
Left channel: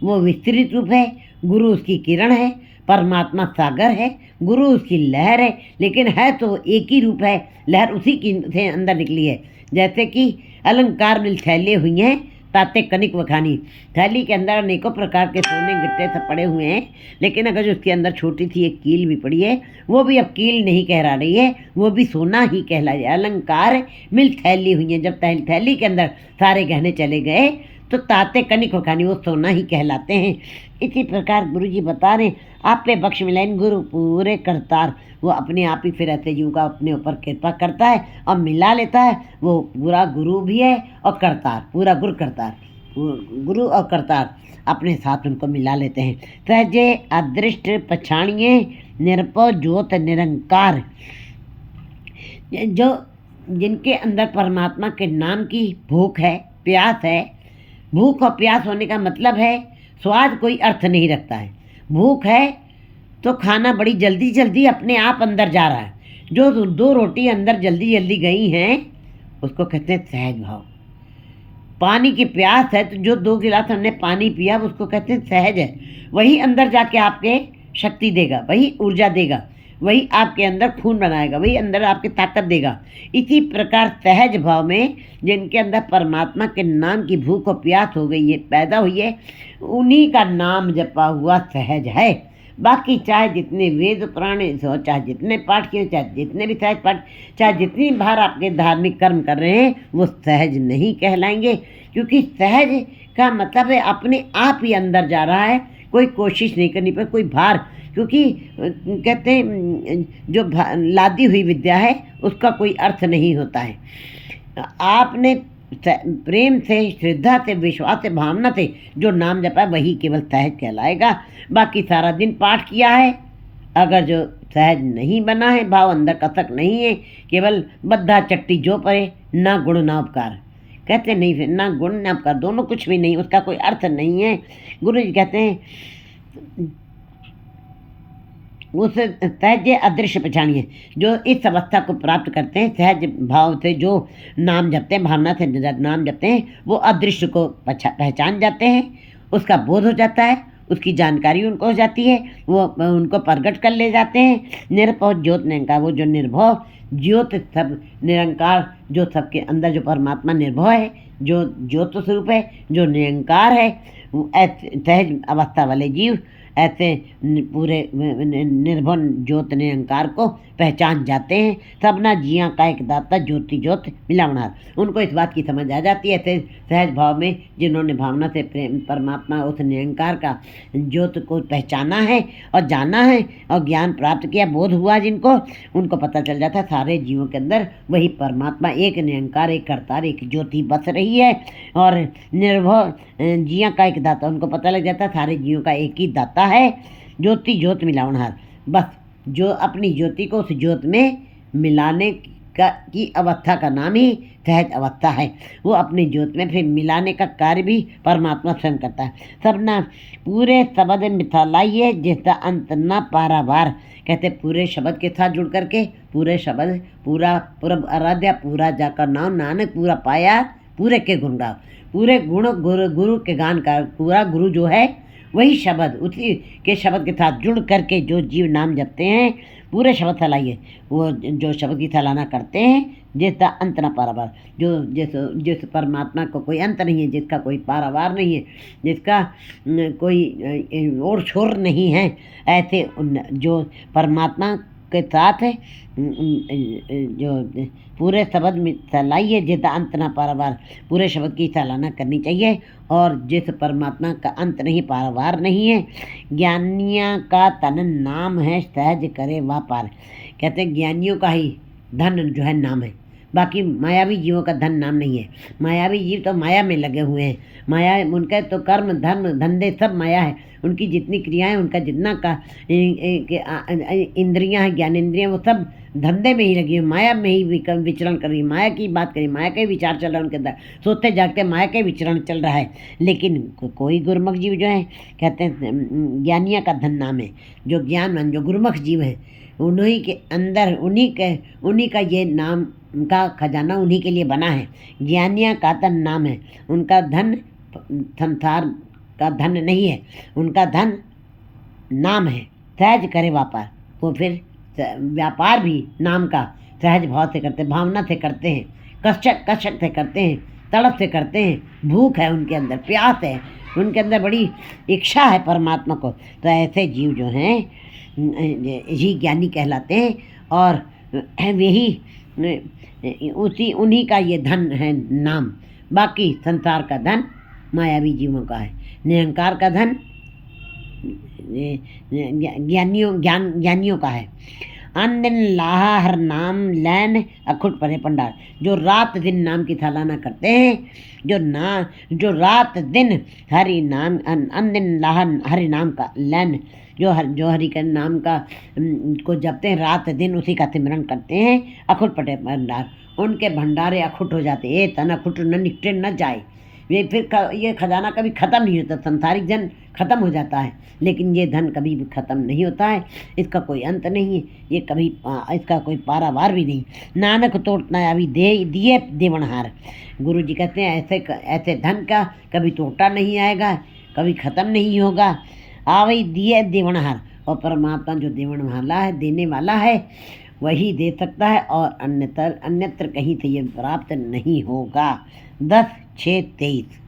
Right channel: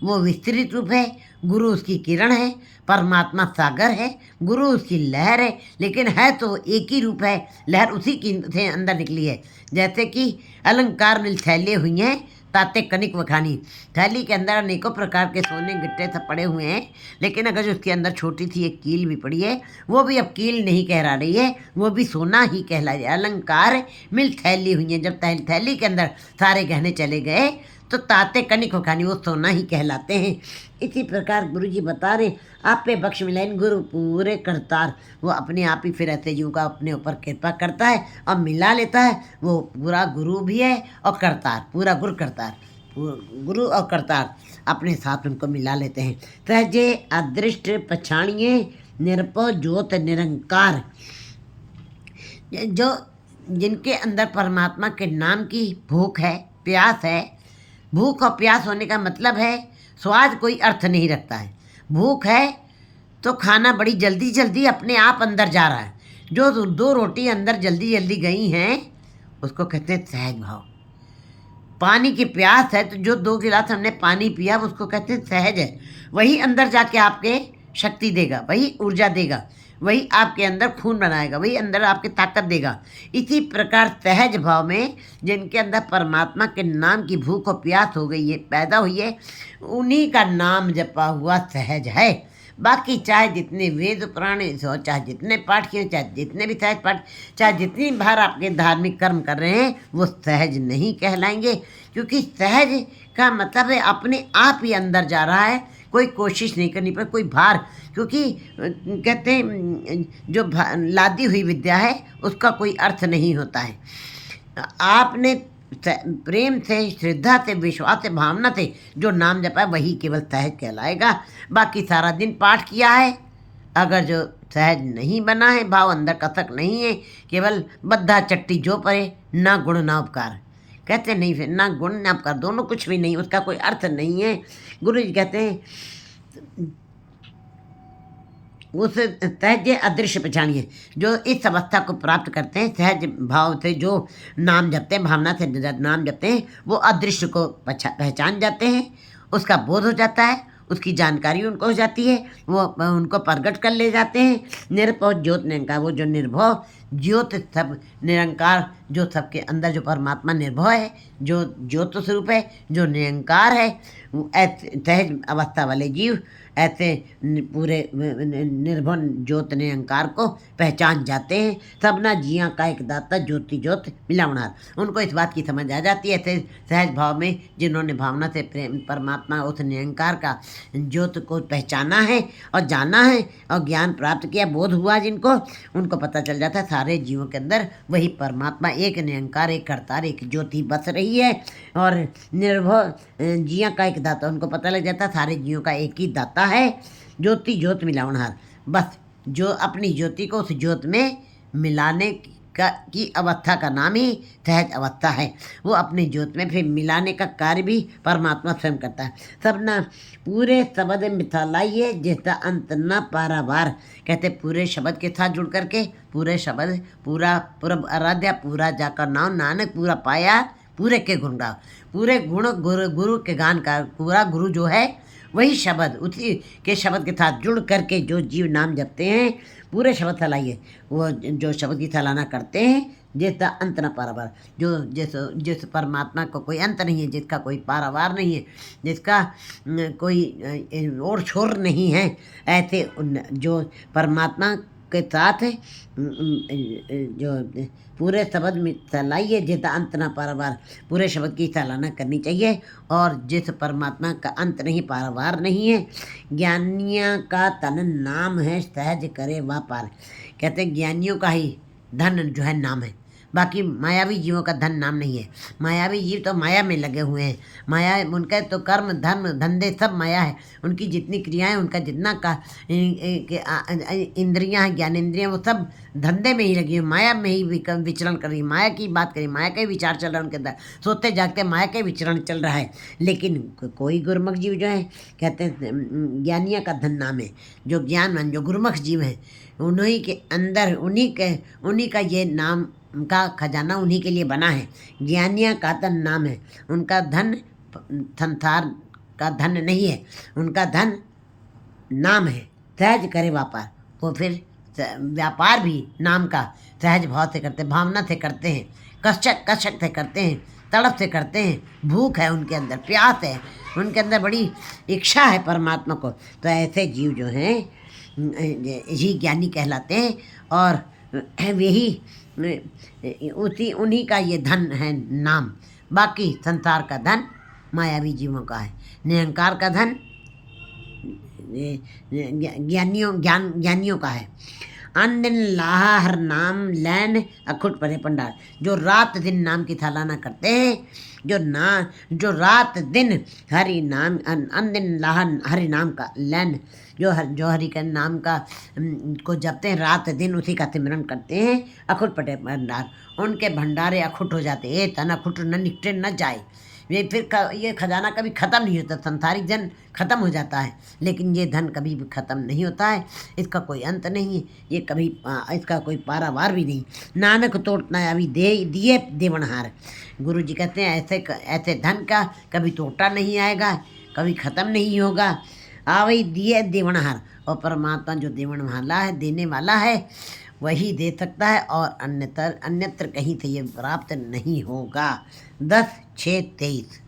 वो विस्तृत रूप है, गुरु उसकी किरण है, परमात्मा सागर है, गुरु उसकी लहर है, लेकिन है तो एक ही रूप है, लहर उसी की से अंदर निकली है। जैसे कि अलंकार मिल थैले हुई हैं ताते कनिक वखानी, थैली के अंदर अनेकों प्रकार के सोने गिट्टे सब पड़े हुए हैं, लेकिन अगर जो उसके अंदर छोटी सी एक कील भी पड़ी है, वो भी अब कील नहीं कहला रही है, वो भी सोना ही कहला रही है। अलंकार मिल थैली हुई हैं, जब थैली के अंदर सारे गहने चले गए तो ताते कनिक वखानी, वो सोना ही कहलाते हैं। इसी प्रकार गुरु जी बता रहे, आप पे बख्श मिलाइन गुरु पूरे करतार, वो अपने आप ही फिर ऐसे जीव का अपने ऊपर कृपा करता है और मिला लेता है। वो पूरा गुरु भी है और करतार, पूरा गुरु करतार, गुरु और करतार अपने साथ उनको मिला लेते हैं। सहजे अदृष्ट पछाणिए निरपो ज्योत निरंकार, जो जिनके अंदर परमात्मा के नाम की भूख है, प्यास है। भूख और प्यास होने का मतलब है स्वाद कोई अर्थ नहीं रखता है। भूख है तो खाना बड़ी जल्दी जल्दी अपने आप अंदर जा रहा है। जो 2 रोटी अंदर जल्दी जल्दी गई हैं उसको कहते हैं सहज भाव। पानी की प्यास है तो जो 2 गिलास हमने पानी पिया उसको कहते हैं सहज है। वही अंदर जाके आपके शक्ति देगा, वही ऊर्जा देगा, वही आपके अंदर खून बनाएगा, वही अंदर आपकी ताकत देगा। इसी प्रकार सहज भाव में जिनके अंदर परमात्मा के नाम की भूख और प्यास हो गई है, पैदा हुई है, उन्हीं का नाम जपा हुआ सहज है। बाकी चाहे जितने वेद पुराण हो, चाहे जितने पाठ किए, चाहे जितने भी सहज पाठ, चाहे जितनी बार आपके धार्मिक कर्म कर रहे हैं, वो सहज नहीं कहलाएंगे। क्योंकि सहज का मतलब है अपने आप ही अंदर जा रहा है, कोई कोशिश नहीं करनी पर कोई भार। क्योंकि कहते हैं जो लादी हुई विद्या है उसका कोई अर्थ नहीं होता है। आपने प्रेम से, श्रद्धा से, विश्वास से, भावना से जो नाम जपा है वही केवल सहज कहलाएगा। बाकी सारा दिन पाठ किया है, अगर जो सहज नहीं बना है, भाव अंदर कसक नहीं है, केवल बद्धा चट्टी जो परे, ना गुण ना उपकार। कहते नहीं, फिर ना गुण ना उपकार, दोनों कुछ भी नहीं, उसका कोई अर्थ नहीं है। गुरु जी कहते हैं उस सहज अदृश्य पहचानिए, जो इस अवस्था को प्राप्त करते हैं, सहज भाव से जो नाम जपते हैं, भावना से नाम जपते हैं, वो अदृश्य को पहचान जाते हैं, उसका बोध हो जाता है, उसकी जानकारी उनको हो जाती है, वो उनको प्रगट कर ले जाते हैं। निरभव ज्योत निरंकार, वो जो निर्भव ज्योत सब निरंकार जो सबके अंदर जो परमात्मा निर्भय है, जो ज्योत स्वरूप है, जो निरंकार है, ऐसे सहज अवस्था वाले जीव ऐसे पूरे निर्भय ज्योत निरंकार को पहचान जाते हैं। सबना जिया का एक दाता ज्योति ज्योत मिलावनार। उनको इस बात की समझ आ जाती है ऐसे सहज भाव में, जिन्होंने भावना से प्रेम परमात्मा उस निरंकार का ज्योत को पहचाना है और जाना है और ज्ञान प्राप्त किया, बोध हुआ जिनको, उनको पता चल जाता है सारे जीवों के अंदर वही परमात्मा एक निरंकार, एक करतार, एक ज्योति बस रही है। और निर्भय जिया का एक दाता, उनको पता लग जाता है सारे जीवों का एक ही दाता है, ज्योति ज्योत मिलावनहार। बस जो अपनी ज्योति को उस ज्योत में मिलाने की अवस्था का नाम ही सहज अवस्था है। वो अपनी ज्योत में फिर मिलाने का कार्य भी परमात्मा स्वयं करता है। सबना पूरे शब्द मिथालाइए जिसका अंत न पारावार। कहते पूरे शब्द के साथ जुड़ करके, पूरे शब्द पूरा पूरब आराध्या, पूरा जाकर नाम नानक, पूरा पाया पूरे के गुण गाओ। पूरे गुण गुरु के गान का, पूरा गुरु जो है वही शब्द, उसी के शब्द के साथ जुड़ करके जो जीव नाम जपते हैं, पूरे शब्द फैलाइए। वो जो शब्द की सराहना करते हैं, जिसका अंत न पारावार, जो जिस परमात्मा को कोई अंत नहीं है, जिसका कोई पारावार नहीं है, जिसका कोई ओर छोर नहीं है, ऐसे जो परमात्मा के साथ जो पूरे शब्द में सलाइए जिसका अंत ना पारावार, पूरे शब्द की सराहना करनी चाहिए। और जिस परमात्मा का अंत नहीं, पारावार नहीं है, ज्ञानिया का तन नाम है सहज करे वह पार। कहते हैं ज्ञानियों का ही धन जो है नाम है, बाकी मायावी जीवों का धन नाम नहीं है। मायावी जीव तो माया में लगे हुए हैं, माया उनका तो कर्म धर्म धंधे सब माया है, उनकी जितनी क्रियाएं, उनका जितना का इंद्रियां हैं, ज्ञानेंद्रियां, वो सब धंधे में ही लगी हुई, माया में ही विचरण कर रही, माया की बात करी, माया का ही विचार चल रहा है उनके अंदर, सोते जागते माया का ही विचरण चल रहा है। लेकिन कोई गुरुमुख जीव जो है, कहते हैं ज्ञानिया का धन नाम है, जो ज्ञानवान जो गुरुमुख जीव हैं, उन्हीं के अंदर उन्हीं का ये नाम का खजाना उन्हीं के लिए बना है। ज्ञानिया का धन नाम है, उनका धन संसार का धन नहीं है, उनका धन नाम है। सहज करे व्यापार, वो फिर व्यापार भी नाम का सहज भाव से करते, भावना से करते हैं, कष्ट से करते हैं, तड़प से करते हैं, भूख है उनके अंदर, प्यास है उनके अंदर, बड़ी इच्छा है परमात्मा को। तो ऐसे जीव जो हैं यही ज्ञानी कहलाते हैं। और यही उन्हीं का ये धन है नाम। बाकी संसार का धन मायावी जीवों का है, निरंकार का धन ज्ञानियों का है। अन दिन लाहा हर नाम लैन अखुट परे पंडार। जो रात दिन नाम की सराहना करते हैं, जो रात दिन हरि नाम, अन दिन लाहा हरि नाम का लैन, जो हरि का नाम का को जपते हैं रात दिन, उसी का सिमरन करते हैं, अखुट पटे भंडार, उनके भंडारे अखुट हो जाते। ये तन अखुट न निकटे न जाए। ये फिर ये खजाना कभी ख़त्म नहीं होता। संसारिक धन ख़त्म हो जाता है, लेकिन ये धन कभी भी ख़त्म नहीं होता है, इसका कोई अंत नहीं है, ये कभी इसका कोई पारावार भी नहीं। नानक तोट न आवी दिए देवनहार। गुरु जी कहते हैं ऐसे धन का कभी टोटा नहीं आएगा, कभी ख़त्म नहीं होगा। आवई दिए देवनहार, और परमात्मा जो देवन वाला है, देने वाला है, वही दे सकता है, और अन्यत्र कहीं से ये प्राप्त नहीं होगा। 10/6/23।